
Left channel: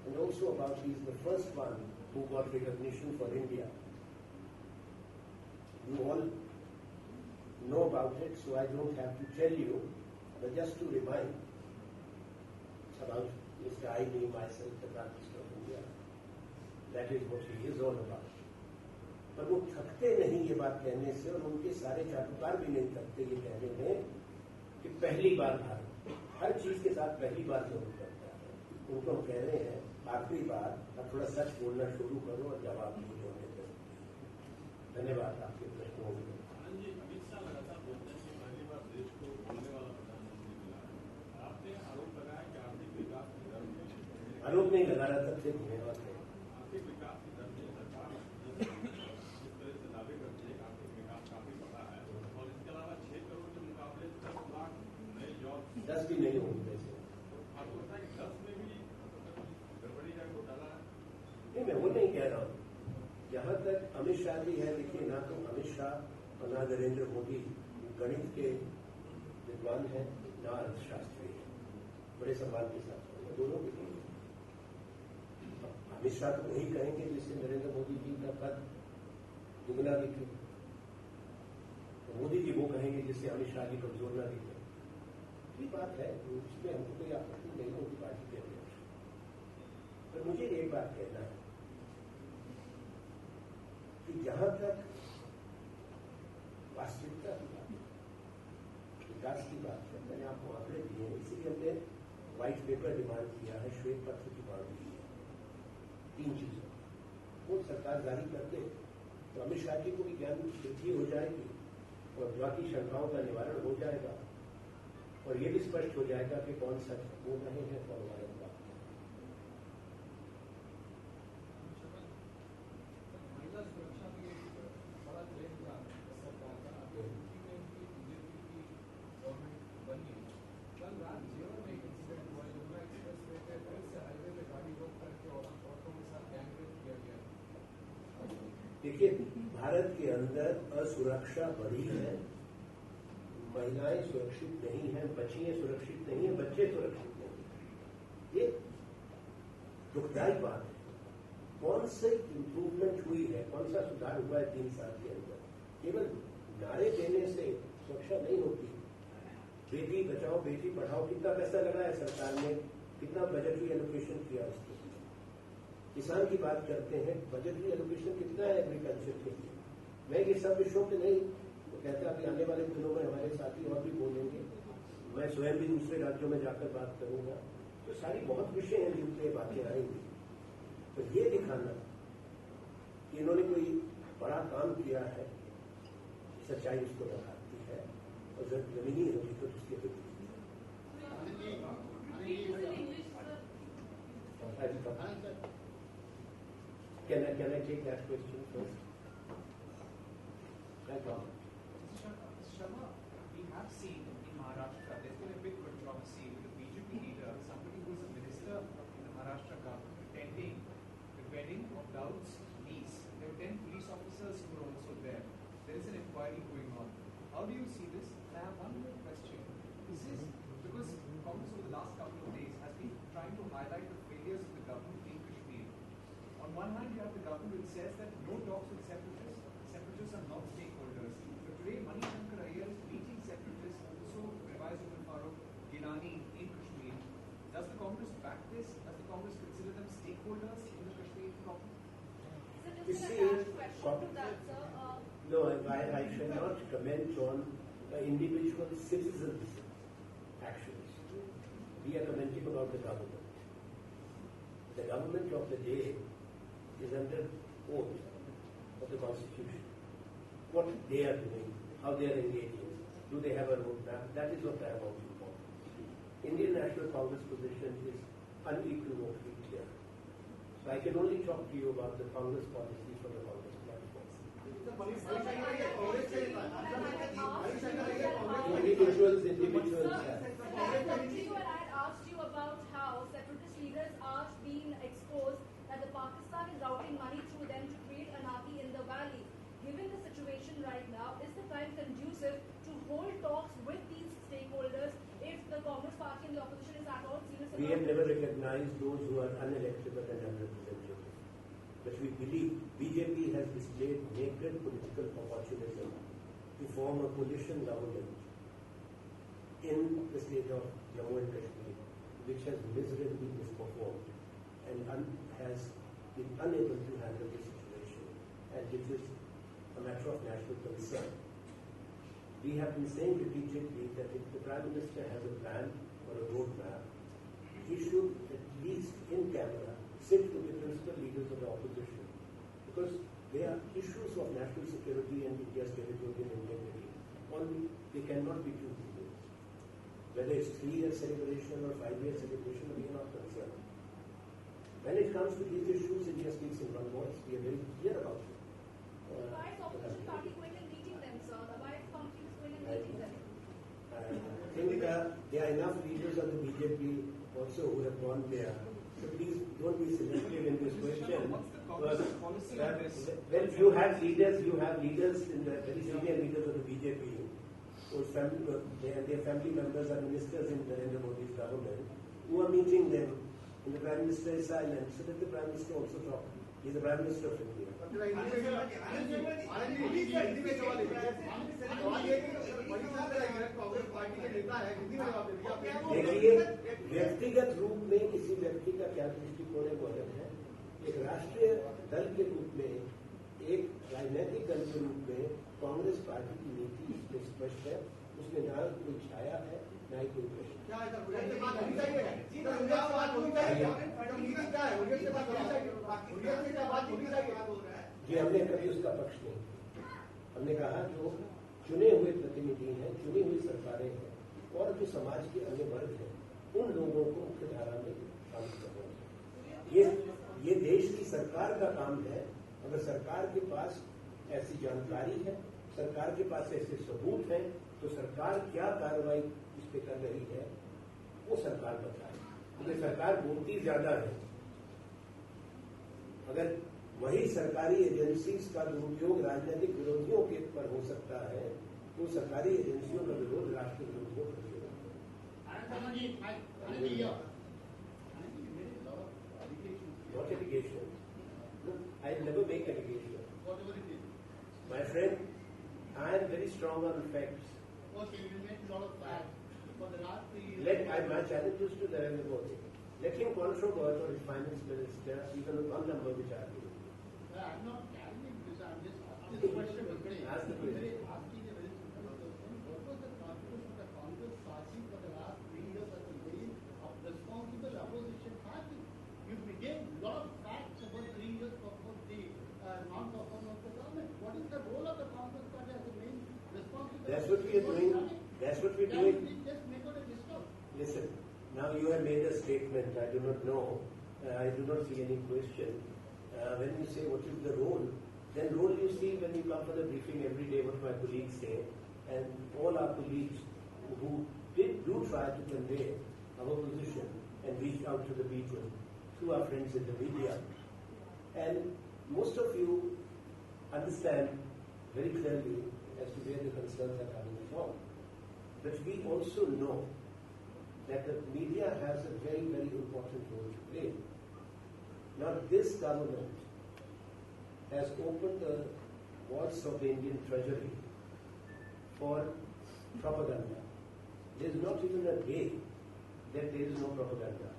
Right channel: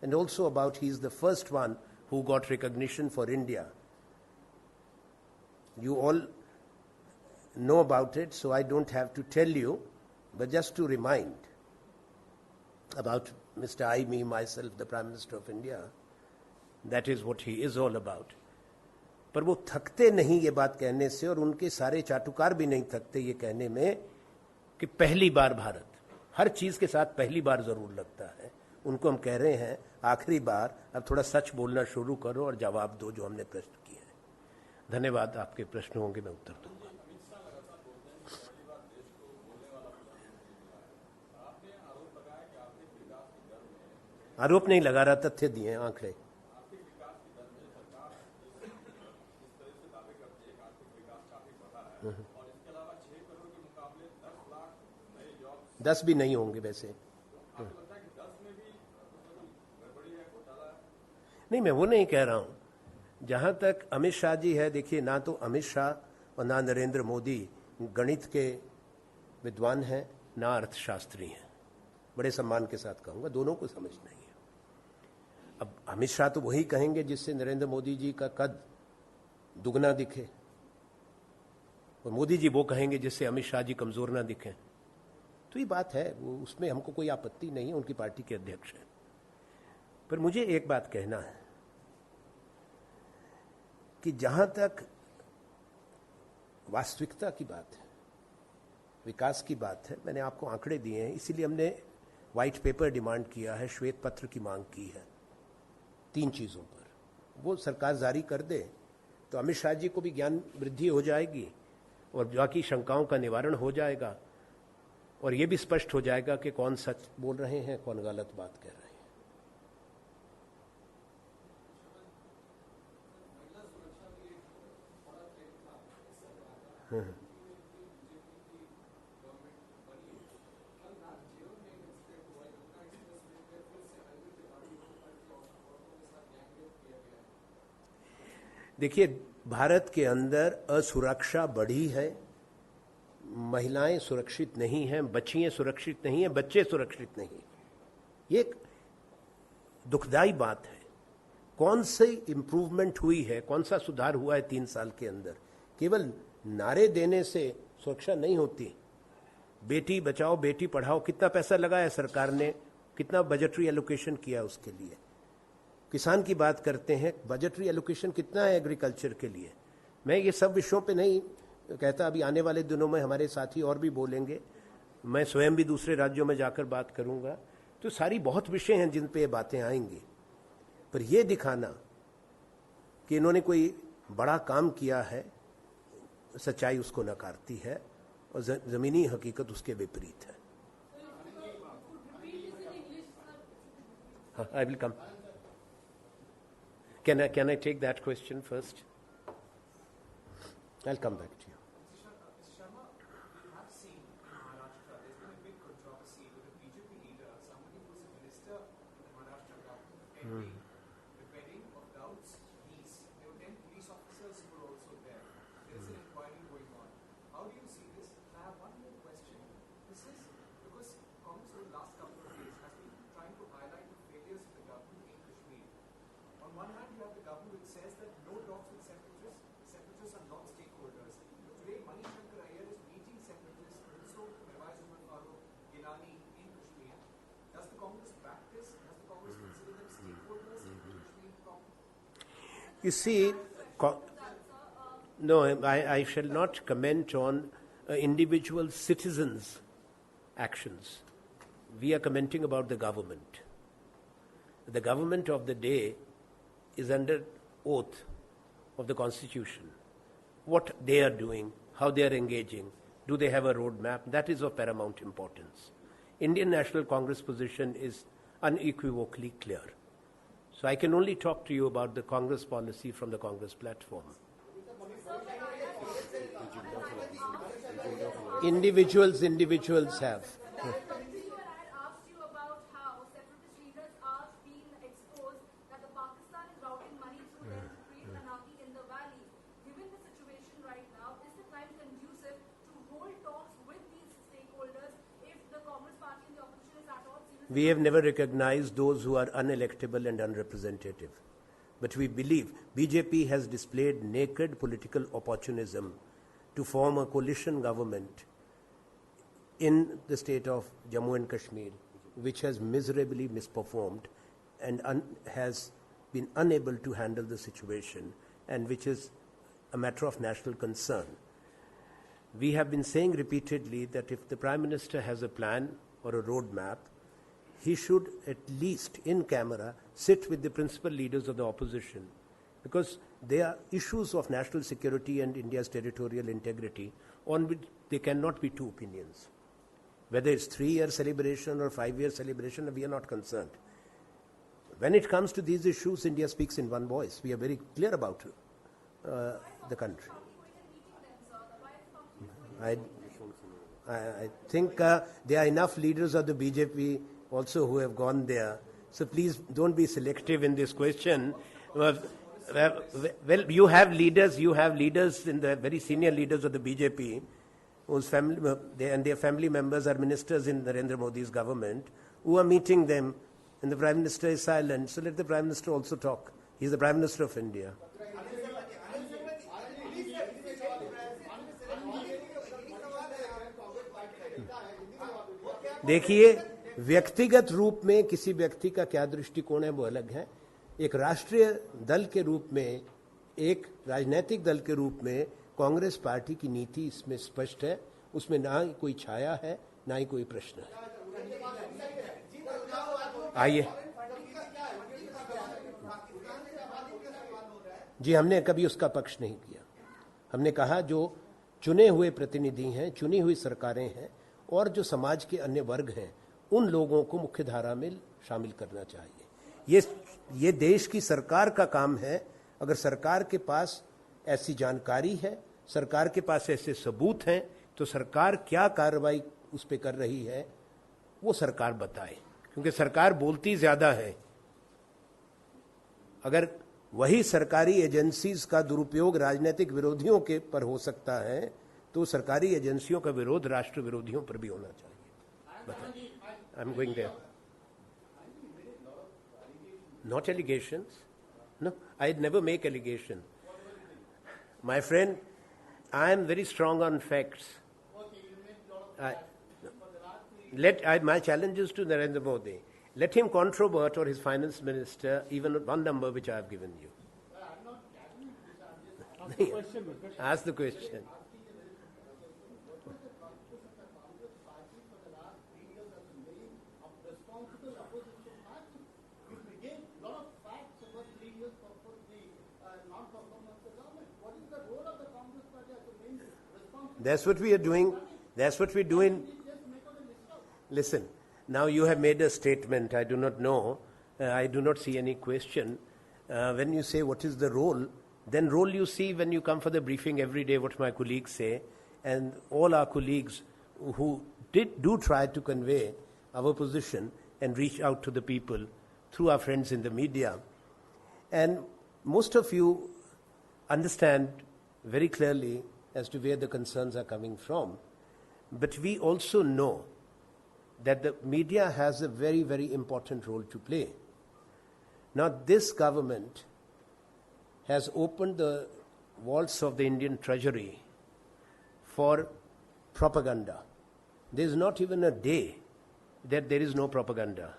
and also about he is the first one who got recognition for India. You all know about it, so I don't have to tell you, but just to remind about Mr. I, me, myself, the Prime Minister of India. That is what he is all about. पर वो थकते नहीं ये बात कहने से, और उनके सारे चाटुकार भी नहीं थकते ये कहने में कि पहली बार भारत, हर चीज़ के साथ पहली बार ज़रूर लगता है। उनको हम कह रहे हैं आखिरी बार, अब थोड़ा सच बोलना शुरू करो और जवाब दो जो हमने प्रश्न किए हैं। धन्यवाद। आपके प्रश्न होंगे, मैं उत्तर दूँगा। आरोप नहीं लगा रहा, तथ्य दिए हैं, आंकड़े। दस भी नहीं होंगे वैसे। नहीं, मैं वो नहीं कह रहा हूं। जहां तक अमित शाह जी है, देखिए, ना तो अमित शाह और ना नरेंद्र मोदी गणित के विद्वान हैं, ना अर्थशास्त्री हैं। बड़े सम्मान के साथ कहूंगा, दोनों को समझ नहीं है। अब अमित शाह तो वही कहेंगे जिससे नरेंद्र मोदी जी का कद दुगना दिखे, और मोदी जी वो कहेंगे जिससे अमित शाह जी कमजोर ना दिखें। तो ये बात है, उसमें हमको कोई आपत्ति नहीं है, उनकी पार्टी के अध्यक्ष हैं। पर मुझे एक बात कहना है कि जहां तक वास्तविकता की बात है, विकास की बात है, मैंने आपको आंकड़े दिए हैं, इसीलिए हमने व्हाइट पेपर डिमांड किया है, श्वेत पत्र की मांग की है। 3 चीज़ों पर वो सरकार जारी कर दे तो अमित शाह जी को भी ज्ञान वृद्धि हो जाएगी और बाकी शंकाओं का निवारण हो जाएगा और ये भी स्पष्ट हो जाएगा कि कौन सच बोल रहे हैं, कौन गलत बात कह रहे हैं। देखिए, भारत के अंदर असुरक्षा बढ़ी है, महिलाएं सुरक्षित नहीं हैं, बच्चियां सुरक्षित नहीं हैं, बच्चे सुरक्षित नहीं हैं। ये एक दुखदाई बात है। कौन सी इम्प्रूवमेंट हुई है, कौन सा सुधार हुआ है 3 साल के अंदर? केवल नारे देने से सुरक्षा नहीं होती। बेटी बचाओ बेटी पढ़ाओ, कितना पैसा लगाया सरकार ने, कितना बजटरी एलोकेशन किया उसके लिए। किसान की बात करते हैं, बजटरी एलोकेशन कितना है एग्रीकल्चर के लिए। मैं ये सब विषयों पे नहीं कहता, अभी आने वाले दिनों में हमारे साथी और भी बोलेंगे, मैं स्वयं भी दूसरे राज्यों में जाकर बात करूंगा। तो सारी बहुत विषय हैं जिन पे ये बातें आएंगी, पर ये दिखाना कि इन्होंने कोई बड़ा काम किया है, सच्चाई उसको नकारती है और ज़मीनी हकीकत उसके विपरीत है। I will come. Can I take that question first? I'll come back to you. Sharma, we have seen in Maharashtra, there's been a big controversy with the BJP leader, somebody who is a minister in the Maharashtra government, attending the wedding of Rahul's niece. There were 10 police officers who were also there. There is an inquiry going on. How do you see this? I have one more question. This is because Congress over the last couple of days has been trying to highlight the failures of the government in Kashmir. On one hand, you have the government which says that no talks with separatists. Separatists are not stakeholders. But today, Manishankar Iyer is meeting separatists, also Mirwais Umar Farooq, Gilani in Kashmir. Does the Congress back this? Does the Congress consider them stakeholders in the Kashmir problem? You see, no, I shall not comment on individual citizens' actions. We are commenting about the government. The government of the day is under oath of the Constitution. What they are doing, how they are engaging, do they have a roadmap? That is of paramount importance. Indian National Congress position is unequivocally clear. So I can only talk to you about the Congress policy from the Congress platform. Individuals have. We have never recognized those who are unelectable and unrepresentative. But we believe BJP has displayed naked political opportunism to form a coalition government in the state of Jammu and Kashmir, which has miserably misperformed and has been unable to handle the situation, and which is a matter of national concern. We have been saying repeatedly that if the Prime Minister has a plan or a roadmap, he should at least in camera sit with the principal leaders of the opposition, because there are issues of national security and India's territorial integrity on which there cannot be two opinions. Whether it's 3-year celebration or 5-year celebration, we are not concerned. When it comes to these issues, India speaks in one voice. We are very clear about the country. I think there are enough leaders of the BJP also who have gone there. So please don't be selective in this question. Well, you have leaders in the very senior leaders of the BJP, whose family and their family members are ministers in Narendra Modi's government, who are meeting them, and the Prime Minister is silent. So let the Prime Minister also talk. He is the Prime Minister of India. देखिए, व्यक्तिगत रूप में किसी व्यक्ति का क्या दृष्टिकोण है वो अलग है। एक राष्ट्रीय दल के रूप में, एक राजनीतिक दल के रूप में कांग्रेस पार्टी की नीति इसमें स्पष्ट है, उसमें ना कोई छाया है ना ही कोई प्रश्न है। आइए जी, हमने कभी उसका पक्ष नहीं किया। हमने कहा जो चुने हुए प्रतिनिधि हैं, चुनी हुई सरकारें हैं और जो समाज के अन्य वर्ग हैं, उन लोगों को मुख्य धारा में शामिल करना चाहिए। ये देश की सरकार का काम है। अगर सरकार के पास ऐसी जानकारी है, सरकार के पास ऐसे सबूत हैं, तो सरकार क्या कार्रवाई उस पर कर रही है वो सरकार बताए, क्योंकि सरकार बोलती ज़्यादा है। अगर वही सरकारी एजेंसीज का दुरुपयोग राजनीतिक विरोधियों के पर हो सकता है, तो सरकारी एजेंसियों का विरोध राष्ट्र विरोधियों पर भी होना चाहिए। I'm going there. Not allegations. No, I never make allegation. My friend, I am very strong on facts. My challenge is to Narendra Modi. Let him controvert or his finance minister even one number which I have given you. I'm not challenging this. I'm just asking the question. Ask the question. What was the contribution of the Congress party for the last 3 years as a main responsible opposition party? You became a lot of facts about 3 years before the non-performance of the government. What is the role of the Congress party as a main responsible? That's what we are doing. That's what we're doing. Just make out a list of. Listen, now you have made a statement. I do not know. I do not see any question. When you say what is the role, then role you see when you come for the briefing every day, what my colleagues say, and all our colleagues who do try to convey our position and reach out to the people through our friends in the media. And most of you understand very clearly as to where the concerns are coming from. But we also know that the media has a very, very important role to play. Now, this government has opened the vaults of the Indian Treasury for propaganda. There is not even a day that there is no propaganda.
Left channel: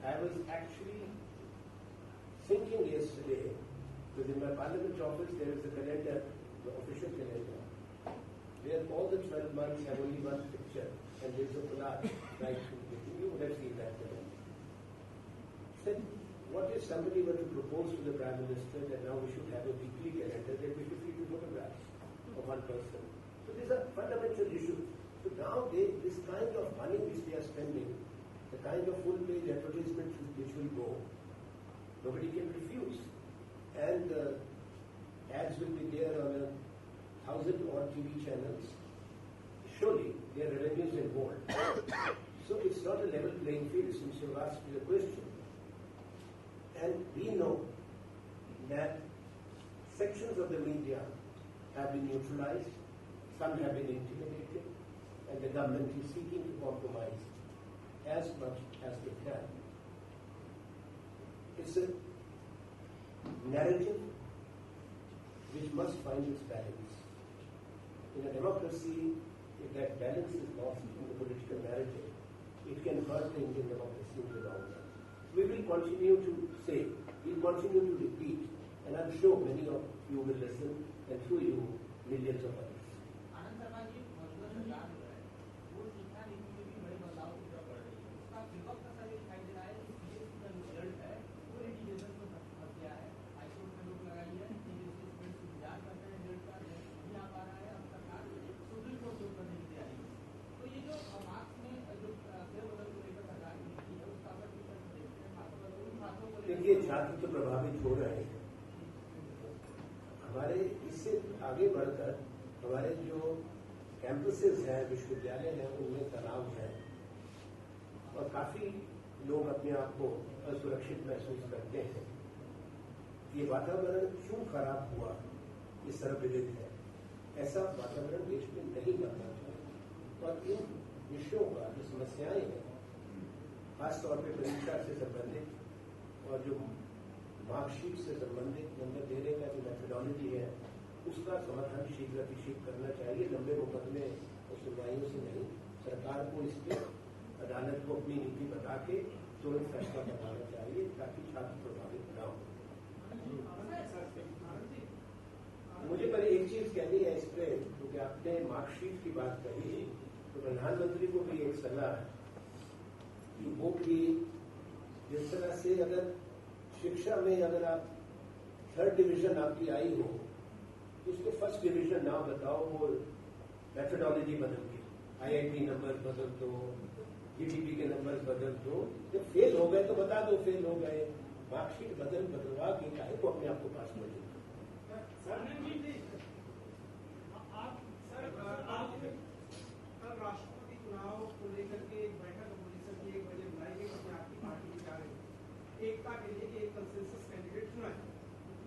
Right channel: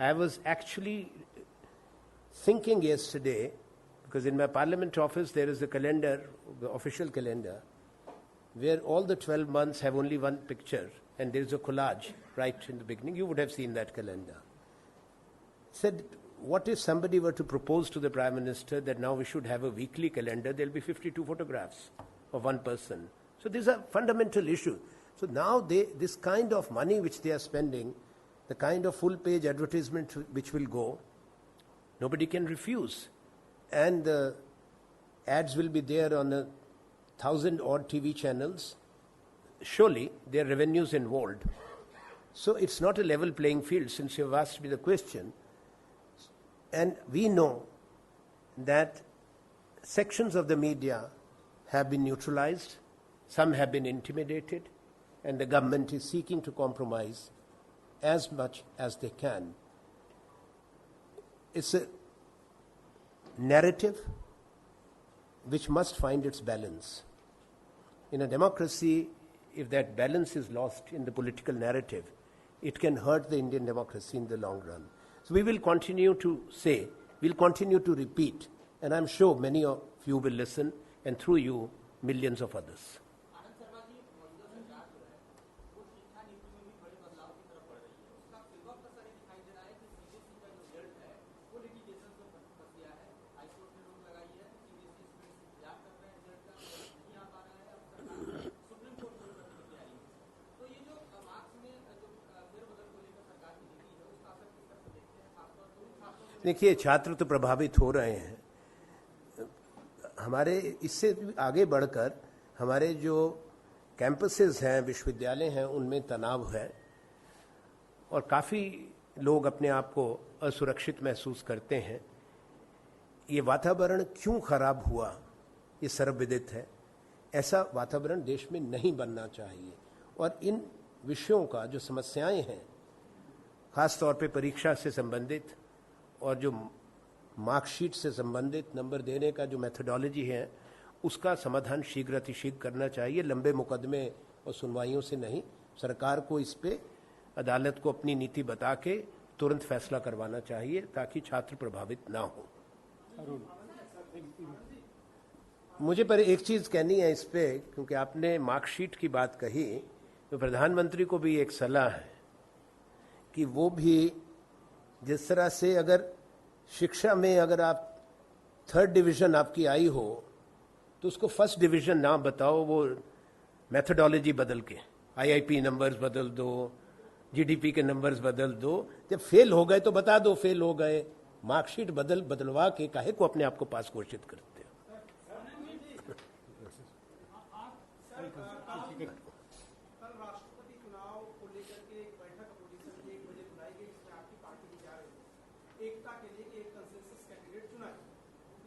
I was actually thinking yesterday, because in my parliament office there is a calendar, the official calendar, where all the 12 months have only one picture, and there is a collage right in the beginning. You would have seen that calendar. Said, what if somebody were to propose to the Prime Minister that now we should have a weekly calendar? There will be 52 photographs of one person. So these are fundamental issues. So now this kind of money which they are spending, the kind of full-page advertisement which will go, nobody can refuse. And the ads will be there on 1,000-odd TV channels. Surely there are revenues involved. So it's not a level playing field, since you've asked me the question. And we know that sections of the media have been neutralized, some have been intimidated, and the government is seeking to compromise as much as they can. It's a narrative which must find its balance. In a democracy, if that balance is lost in the political narrative, it can hurt the Indian democracy in the long run. So we will continue to say, we'll continue to repeat, and I'm sure many of you will listen, and through you, millions of others. Anand Sharma ji मौजूदा सरकार जो है वो शिक्षा नीति में भी बड़े बदलाव की तरफ बढ़ रही है। उसका विपक्ष का ये दिखाई दे रहा है कि सीबीएसई का जो रिजल्ट है वो लिटिगेशन में फंस गया है। हाईकोर्ट में रोक लगाई है, सीबीएसई स्टूडेंट्स इंतजार कर रहे हैं, रिजल्ट का नहीं आ पा रहा है। अब सरकार सुप्रीम कोर्ट को करने की तैयारी है। तो ये जो मार्क्स में जो फेरबदल को लेकर सरकार की नीति है उसका असर किस तरह से देखते हैं? खासतौर पर उन छात्रों को देखिए, छात्र तो प्रभावित हो रहे हैं। हमारे इससे आगे बढ़कर हमारे जो कैंपसेस हैं, विश्वविद्यालय हैं, उनमें तनाव है और काफ़ी लोग अपने आप को असुरक्षित महसूस करते हैं। ये वातावरण क्यों खराब हुआ, ये सर्वविदित है। ऐसा वातावरण देश में नहीं बनना चाहिए और इन विषयों का जो समस्याएं हैं, ख़ास तौर पे परीक्षा से संबंधित और जो मार्कशीट से संबंधित नंबर देने का जो मेथोडोलॉजी है, उसका समाधान शीघ्र अतिशीघ्र करना चाहिए। लंबे मुकदमे और सुनवाइयों से नहीं, सरकार को इस पे अदालत को अपनी नीति बता के तुरंत फैसला करवाना चाहिए ताकि छात्र प्रभावित ना हो। मुझे पर एक चीज़ कहनी है इस पे, क्योंकि आपने मार्कशीट की बात कही। तो प्रधानमंत्री को भी एक सलाह है कि वो भी जिस तरह से अगर शिक्षा में अगर आप 3rd डिवीज़न आपकी आई हो तो उसको 1st डिवीज़न ना बताओ, वो मेथडोलॉजी बदल के IIP नंबर्स बदल दो, GDP के नंबर्स बदल दो। जब फेल हो गए तो बता दो फेल हो गए, मार्कशीट बदलवा के काहे को अपने आप को पास घोषित करते हैं। कल राष्ट्रपति चुनाव को लेकर के एक बैठक अपोजिशन की 1 बजे बुलाई गई, उसमें आपकी पार्टी में क्या है एकता के लिए एक कंसेंसस कैंडिडेट चुना है,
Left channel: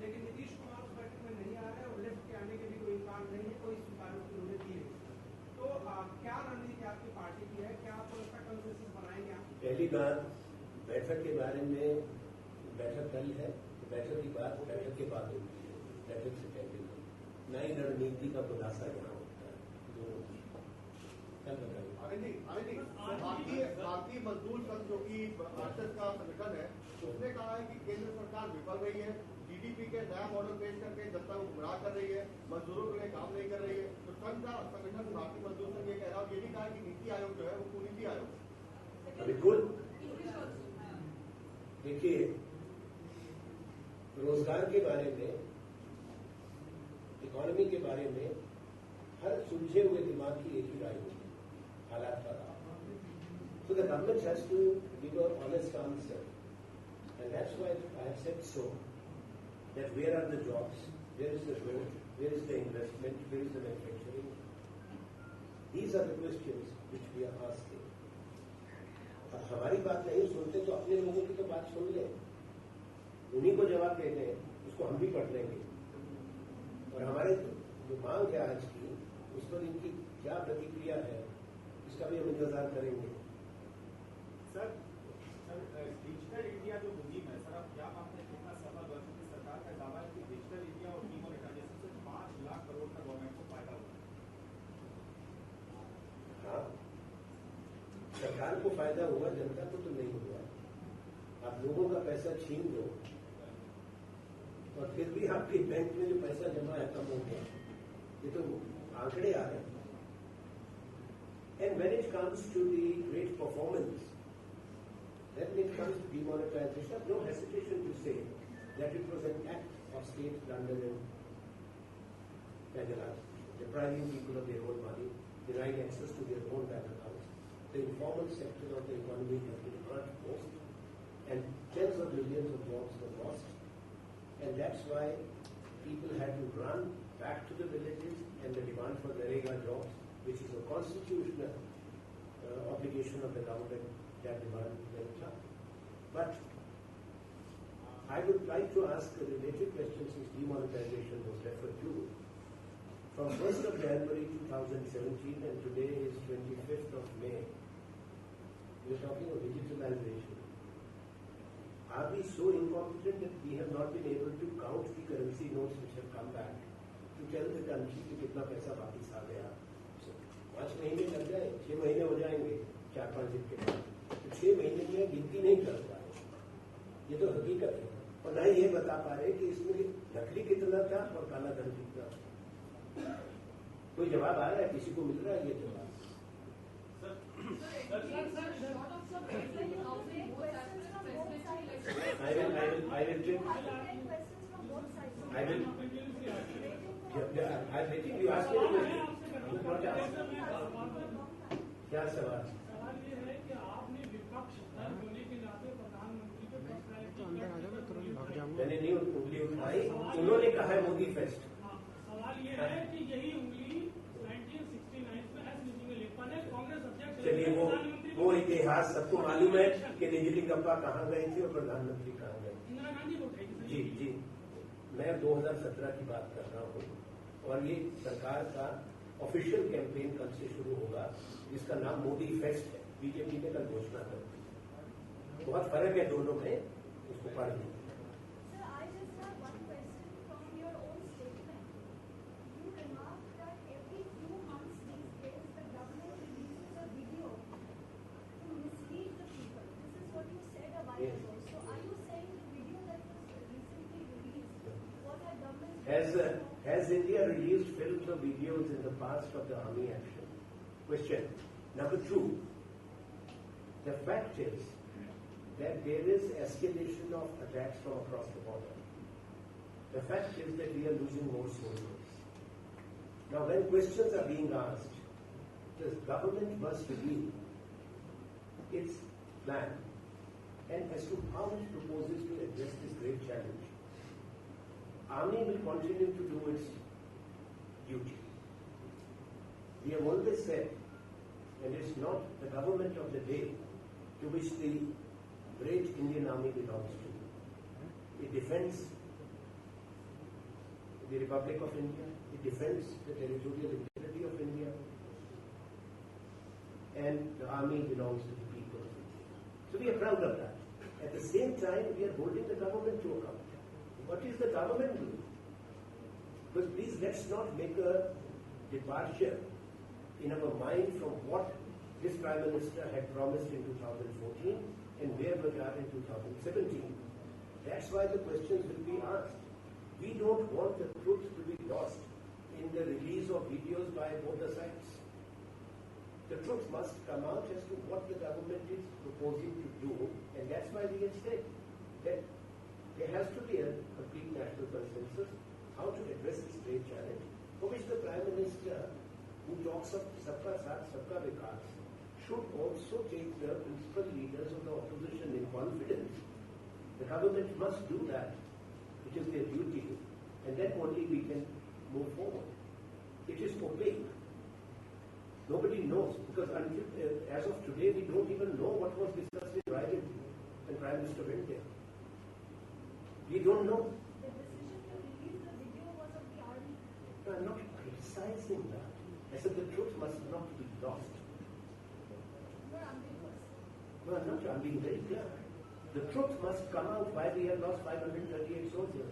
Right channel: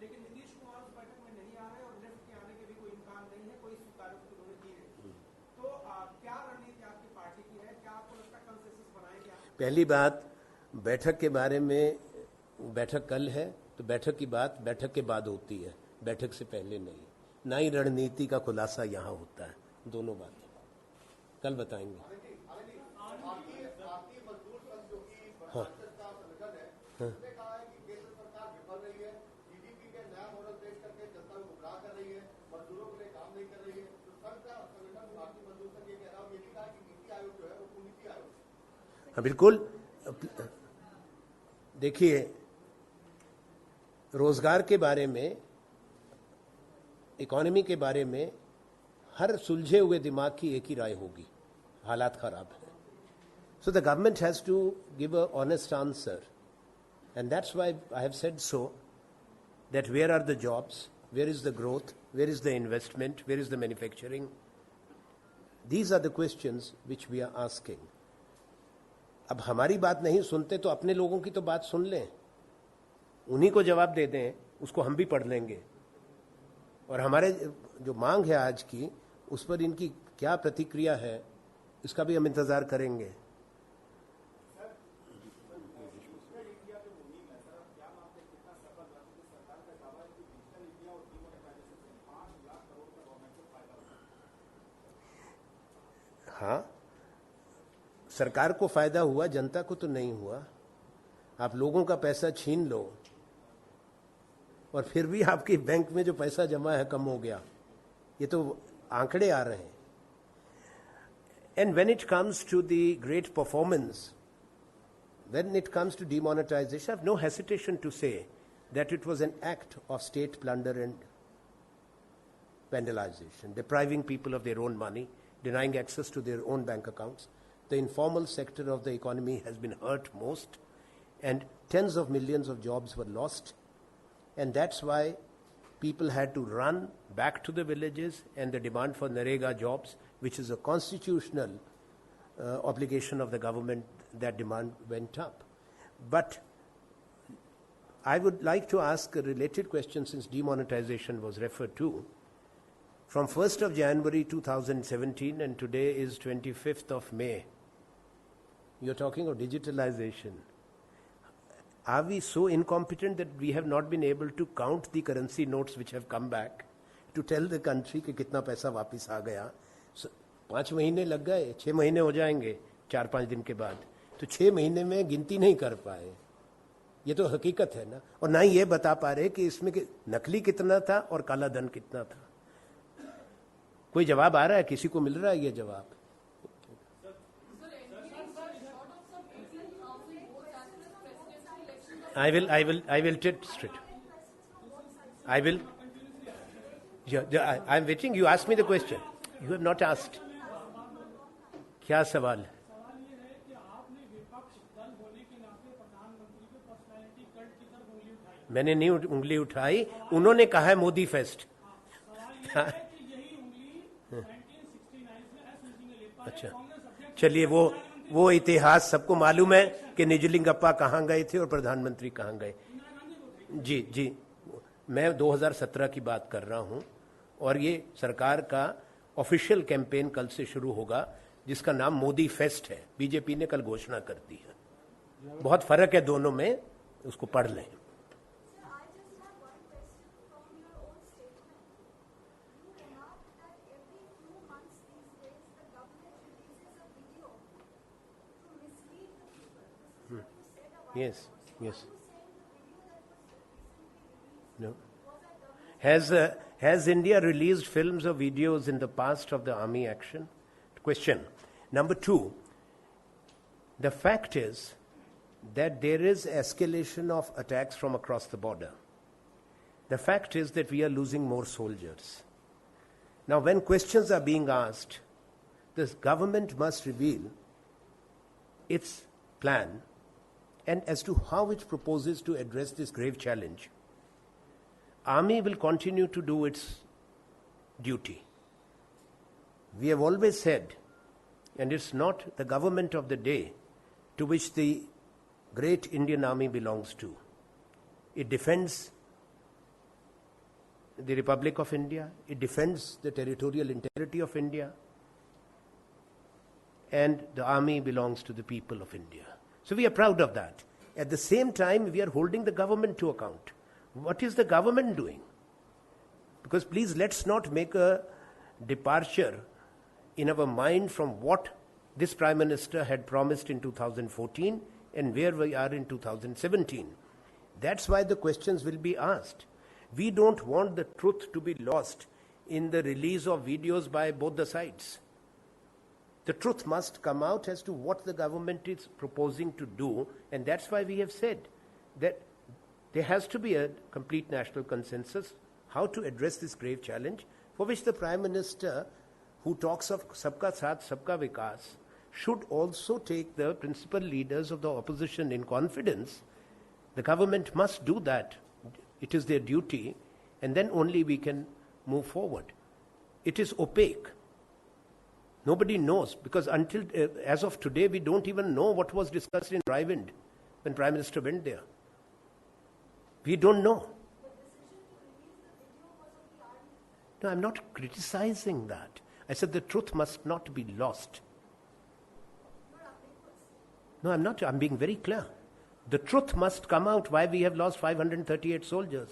लेकिन नीतीश कुमार उस बैठक में नहीं आ रहे और लेफ्ट के आने के भी कोई इम्कान नहीं है, कोई स्वीकारोक्ति उन्होंने दी नहीं। तो क्या रणनीति आपकी पार्टी की है, क्या आपको लगता है कंसेंसस बनाएंगे आप? पहली बात, बैठक के बारे में, बैठक कल है तो बैठक की बात बैठक के बाद होती है, बैठक से पहले नहीं। ना ही रणनीति का खुलासा यहाँ होता है, दोनों बातें कल बताएंगे। भारतीय मजदूर संघ जो कि राष्ट्र का संगठन है, उसने कहा है कि केंद्र सरकार विफल रही है, GDP के नया मॉडल पेश करके जनता को गुमराह कर रही है, मजदूरों के लिए काम नहीं कर रही है। तो संघ का संगठन भारतीय मजदूर संघ ये कह रहा है, ये भी कहा कि नीति आयोग जो है वो कुनीति आयोग है। बिल्कुल, देखिए रोजगार के बारे में, इकोनॉमी के बारे में हर सुलझे हुए दिमाग की एक ही राय होगी, हालात खराब है। So the government has to give a honest answer, and that's why I have said so, that where are the jobs, where is the growth, where is the investment, where is the manufacturing. These are the questions which we are asking. अब हमारी बात नहीं सुनते तो अपने लोगों की तो बात सुन लें, उन्हीं को जवाब दे दें, उसको हम भी पढ़ लेंगे। और हमारे जो मांग है आज की, उस पर इनकी क्या प्रतिक्रिया है, इसका भी हम इंतज़ार करेंगे। डिजिटल इंडिया जो मुहिम है सर, आप क्या मानते हैं कितना सफल हुआ? क्योंकि सरकार का दावा है कि डिजिटल इंडिया और डीमोनेटाइजेशन से 5 लाख करोड़ का गवर्नमेंट को फायदा होगा। हाँ, सरकार को फायदा हुआ, जनता को तो नहीं हुआ। आप लोगों का पैसा छीन लो और फिर भी आपके बैंक में जो पैसा जमा है कम हो गया, ये तो आंकड़े आ रहे हैं। And when it comes to the great performance, when it comes to demonetization, I have no hesitation to say that it was an act of state plunder and vandalization, depriving people of their own money, denying access to their own bank accounts. The informal sector of the economy has been hurt most, and tens of millions of jobs were lost, and that's why people had to run back to the villages, and the demand for Narega jobs, which is a constitutional obligation of the government, that demand went up. But I would like to ask a related question, since demonetization was referred to. From 1st of January 2017 and today is 25th of May, you're talking of digitalization. Are we so incompetent that we have not been able to count the currency notes which have come back to tell the country कि कितना पैसा वापस आ गया? 5 महीने लग गए, 6 महीने हो जाएंगे 4-5 दिन के बाद, तो 6 महीने में गिनती नहीं कर पाए। ये तो हकीकत है ना। और ना ही ये बता पा रहे कि इसमें नकली कितना था और काला धन कितना था। कोई जवाब आ रहा है? किसी को मिल रहा है ये जवाब? I will tell straight. I'm waiting. You asked me the question. You have not asked. क्या सवाल है? मैंने नहीं उंगली उठाई, उन्होंने कहा है मोदी फेस्ट। अच्छा, चलिए वो इतिहास सबको मालूम है कि निजलिंगप्पा कहाँ गए थे और प्रधानमंत्री कहाँ गए। जी, मैं 2017 की बात कर रहा हूँ, और ये सरकार का ऑफिशियल कैंपेन कल से शुरू होगा, जिसका नाम मोदी फेस्ट है। बीजेपी ने कल घोषणा कर दी है। बहुत फर्क है दोनों में, उसको पढ़ लें। Yes. No. Has India released films or videos in the past of the army action? Question. Number two, the fact is that there is escalation of attacks from across the border. The fact is that we are losing more soldiers. Now, when questions are being asked, the government must reveal its plan and as to how it proposes to address this grave challenge. Army will continue to do its duty. We have always said, and it's not the government of the day to which the great Indian Army belongs to. It defends the Republic of India, it defends the territorial integrity of India, and the army belongs to the people of India. So we are proud of that. At the same time, we are holding the government to account. What is the government doing? Because please, let's not make a departure in our mind from what this Prime Minister had promised in 2014 and where we are in 2017. That's why the questions will be asked. We don't want the truth to be lost in the release of videos by both the sides. The truth must come out as to what the government is proposing to do, and that's why we have said that there has to be a complete national consensus how to address this grave challenge, for which the Prime Minister, who talks of Sabka Saath, Sabka Vikas, should also take the principal leaders of the opposition in confidence. The government must do that. It is their duty, and then only we can move forward. It is opaque. Nobody knows, because until as of today, we don't even know what was discussed in Raiwind when Prime Minister went there. We don't know. No, I'm not criticizing that. I said the truth must not be lost. No, I'm not. I'm being very clear. The truth must come out why we have lost 538 soldiers.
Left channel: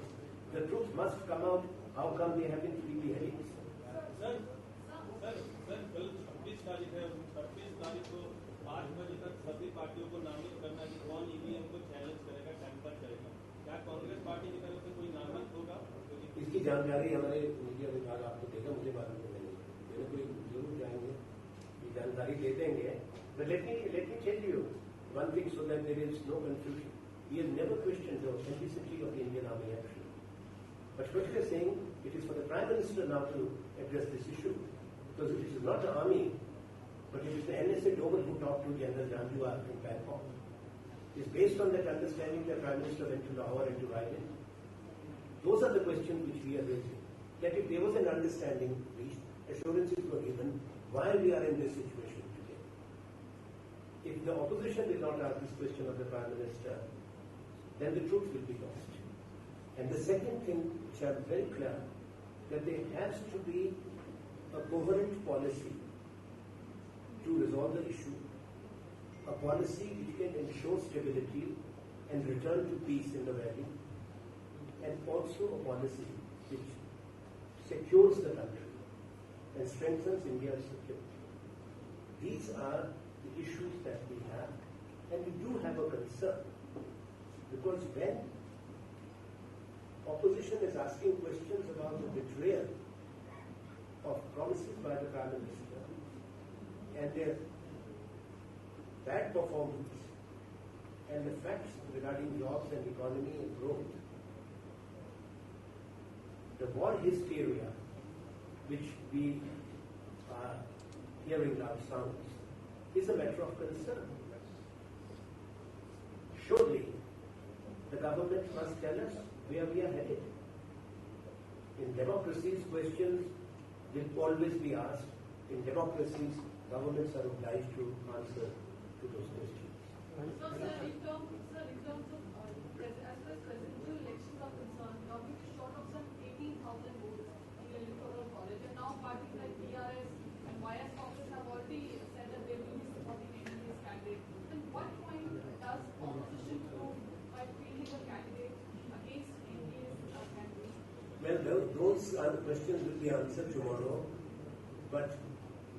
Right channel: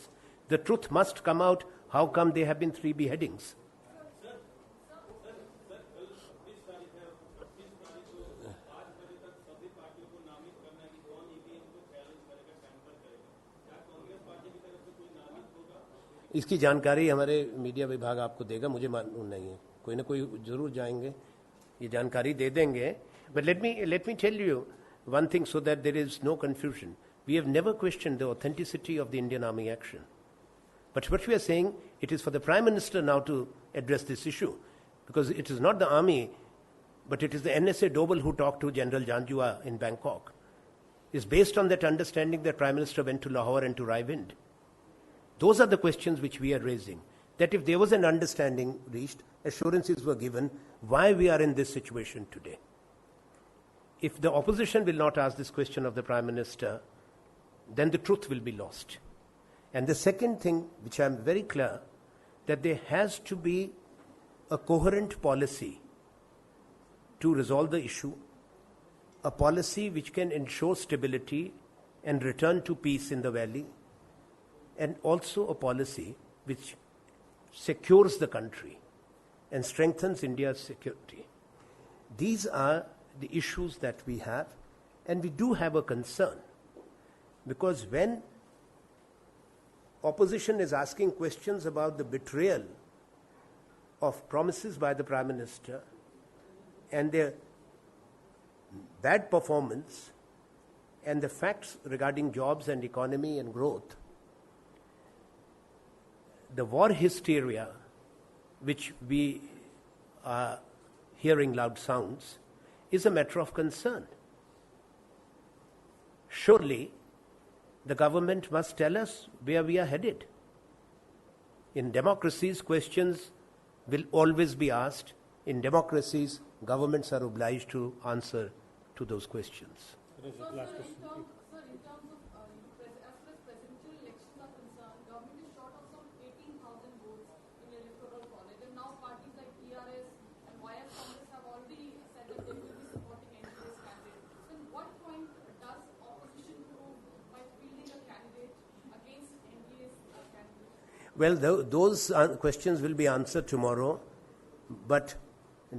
The truth must come out how come there have been 3 beheadings. इसकी जानकारी हमारे media विभाग आपको देगा, मुझे मालूम नहीं है, कोई ना कोई जरूर जाएंगे, ये जानकारी दे देंगे. But let me tell you one thing so that there is no confusion. We have never questioned the authenticity of the Indian Army action. But what we are saying, it is for the Prime Minister now to address this issue, because it is not the army, but it is the NSA Doble who talked to General Janjua in Bangkok. It's based on that understanding that Prime Minister went to Lahore and to Raiwind. Those are the questions which we are raising. That if there was an understanding reached, assurances were given, why we are in this situation today. If the opposition will not ask this question of the Prime Minister, then the truth will be lost. And the second thing, which I am very clear, that there has to be a coherent policy to resolve the issue, a policy which can ensure stability and return to peace in the valley, and also a policy which secures the country and strengthens India's security. These are the issues that we have, and we do have a concern, because when opposition is asking questions about the betrayal of promises by the Prime Minister and their bad performance and the facts regarding jobs and economy and growth, the war hysteria, which we are hearing loud sounds, is a matter of concern. Surely, the government must tell us where we are headed. In democracies, questions will always be asked. In democracies, governments are obliged to answer to those questions. Well, those questions will be answered tomorrow, but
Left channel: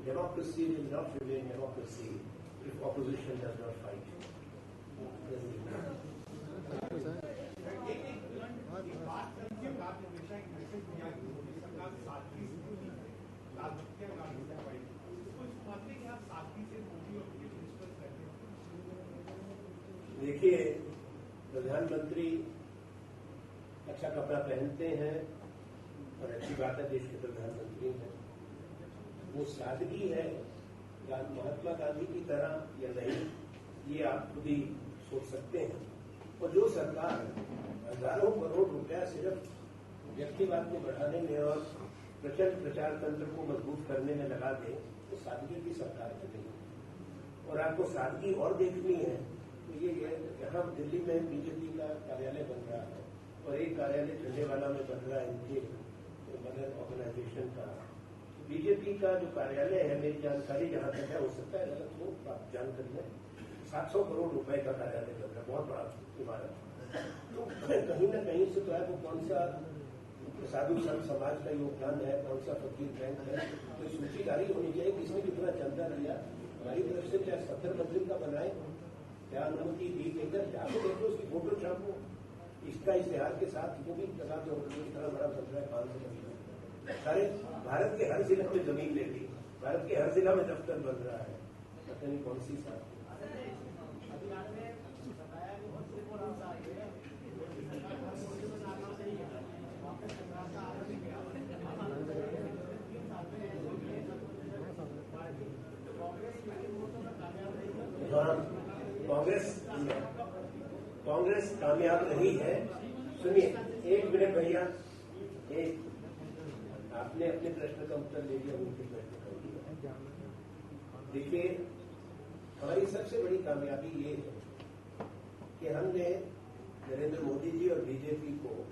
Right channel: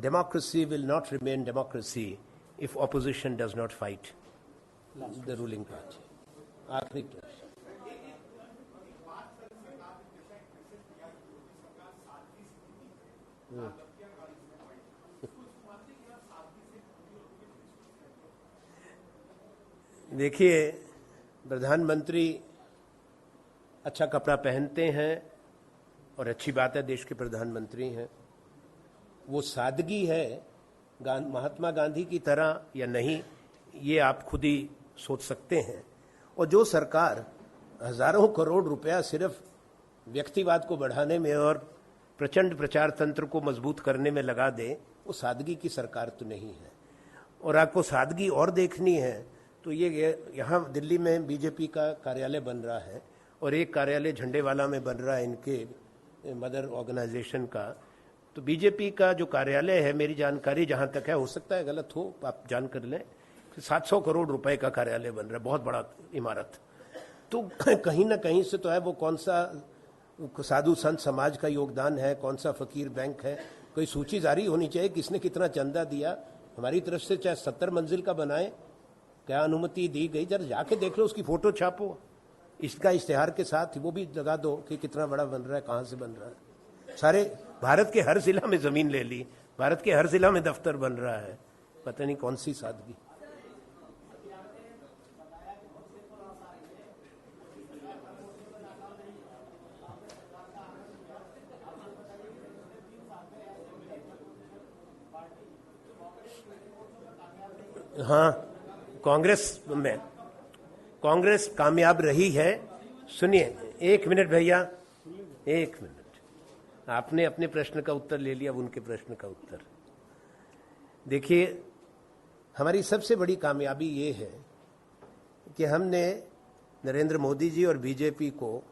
democracy will not remain democracy if opposition does not fight the ruling party. देखिए, प्रधानमंत्री अच्छा कपड़ा पहनते हैं और अच्छी बात है, देश के प्रधानमंत्री हैं। वो सादगी है महात्मा गांधी की तरह या नहीं, ये आप खुद ही सोच सकते हैं। और जो सरकार हजारों करोड़ रुपया सिर्फ व्यक्तिवाद को बढ़ाने में और प्रचंड प्रचार तंत्र को मजबूत करने में लगा दे, वो सादगी की सरकार तो नहीं है। और आपको सादगी और देखनी है तो ये यहाँ दिल्ली में बीजेपी का कार्यालय बन रहा है और एक कार्यालय झंडेवाला में बन रहा है इनके मदर ऑर्गेनाइजेशन का। तो बीजेपी का जो कार्यालय है, मेरी जानकारी जहाँ तक है, हो सकता है गलत हो, आप जान कर लें, 700 करोड़ रुपए का कार्यालय बन रहा है, बहुत बड़ा इमारत। तो कहीं ना कहीं से तो है, वो कौन सा साधु संत समाज का योगदान है, कौन सा फकीर बैंक है, कोई सूची जारी होनी चाहिए किसने कितना चंदा दिया। हमारी तरफ से चाहे 70 मंजिल का बनाए, क्या अनुमति दी गई, जरा जाके देख लो, उसकी फोटो छापो, इसका इश्तेहार के साथ वो भी लगा दो कि कितना बड़ा बन रहा है, कहाँ से बन रहा है। सारे भारत के हर जिला में जमीन ले ली, भारत के हर जिला में दफ्तर बन रहा है, पता नहीं कौन सी सादगी। हाँ, कांग्रेस कामयाब रही है। सुनिए, 1 मिनट भैया, 1 मिनट। आपने अपने प्रश्न का उत्तर ले लिया, उनके प्रश्न का उत्तर। देखिए, हमारी सबसे बड़ी कामयाबी ये है कि हमने नरेंद्र मोदी जी और बीजेपी को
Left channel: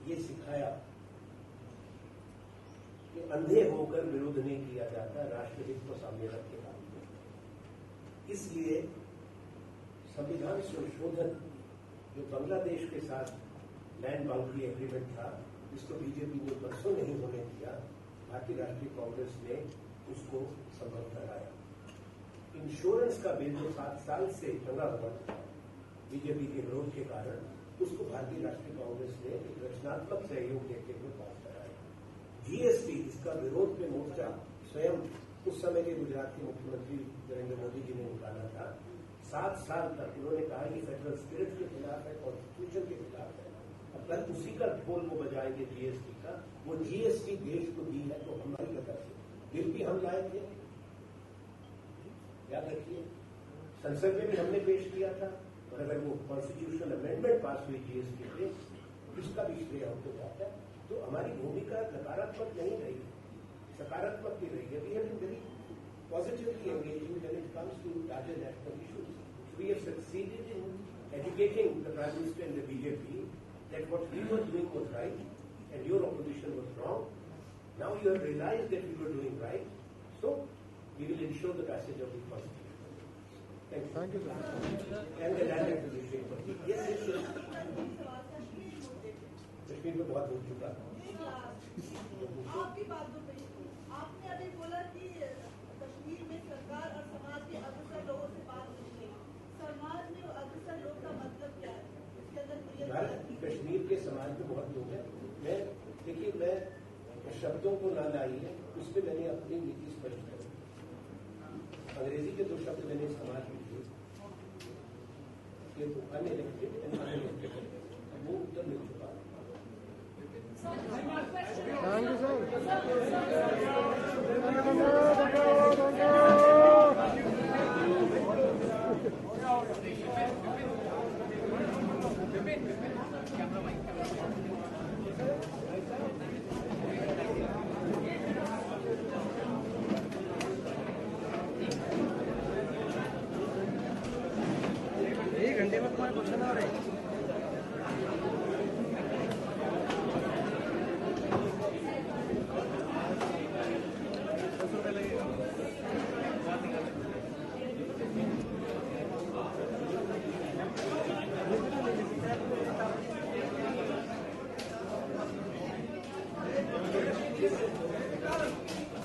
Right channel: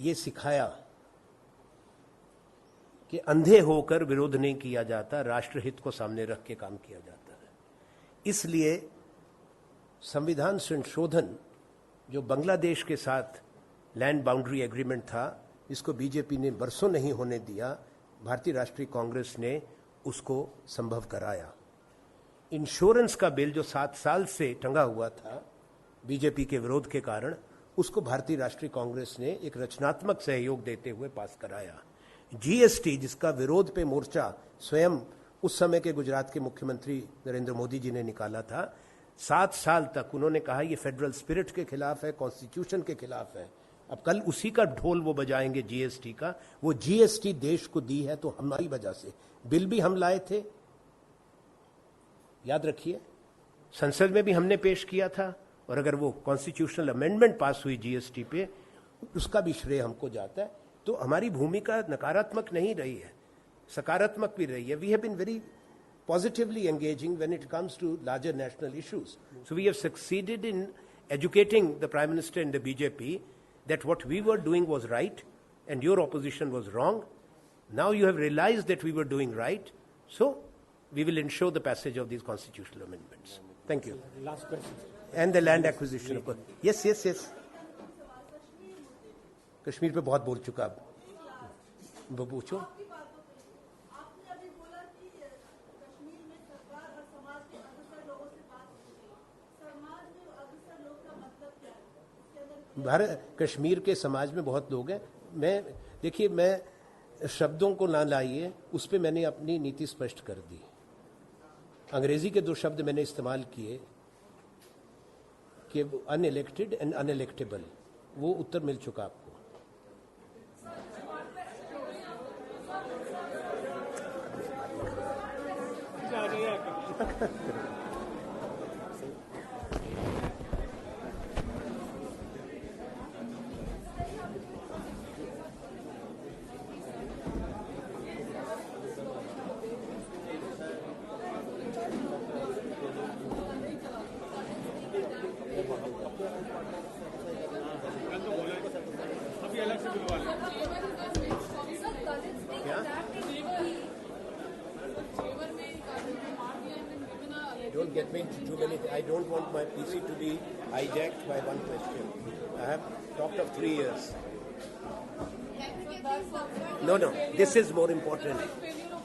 ये सिखाया कि अंधे होकर विरोध नहीं किया जाता, राष्ट्रहित को सामने रख के काम किया जाता है। इसलिए संविधान संशोधन जो बांग्लादेश के साथ लैंड बाउंड्री एग्रीमेंट था, इसको बीजेपी ने बरसों नहीं होने दिया, भारतीय राष्ट्रीय कांग्रेस ने उसको संभव कराया। इंश्योरेंस का बिल जो 7 साल से टंगा हुआ था बीजेपी के विरोध के कारण, उसको भारतीय राष्ट्रीय कांग्रेस ने एक रचनात्मक सहयोग देते हुए पास कराया। जीएसटी, जिसका विरोध पे मोर्चा स्वयं उस समय के गुजरात के मुख्यमंत्री नरेंद्र मोदी जी ने निकाला था, 7 साल तक उन्होंने कहा ये फेडरल स्पिरिट के खिलाफ है, कॉन्स्टिट्यूशन के खिलाफ है। अब कल उसी का ढोल वो बजाएंगे जीएसटी का। वो जीएसटी देश को दी है तो हमारी वजह से, बिल भी हम लाए थे, याद रखिए, संसद में भी हमने पेश किया था, और अगर वो कॉन्स्टिट्यूशनल अमेंडमेंट पास हुई जीएसटी पे, उसका भी श्रेय हमको जाता है। तो हमारी भूमिका नकारात्मक नहीं रही है, सकारात्मक भी रही है। We have been very positively engaging when it comes to larger national issues. So we have succeeded in educating the Prime Minister and the BJP that what we were doing was right and your opposition was wrong. Now you have realized that we were doing right, so we will ensure the passage of these constitutional amendments. Thank you. Last question. And the land acquisition. Yes. Kashmir पे बहुत बोल चुका, वो पूछो। भारत कश्मीर के समाज में बहुत लोग हैं। मैं शब्दों को ना लाइए, उस पर मैंने अपनी नीति स्पष्ट कर दी। अंग्रेजी के 2 शब्द मैंने इस्तेमाल किए कि अनइलेक्टेड एंड अनइलेक्टेबल, वो उत्तर मिल चुका आपको। I don't want my PC to be hijacked by one person. I have talked of 3 years. No, this is more important.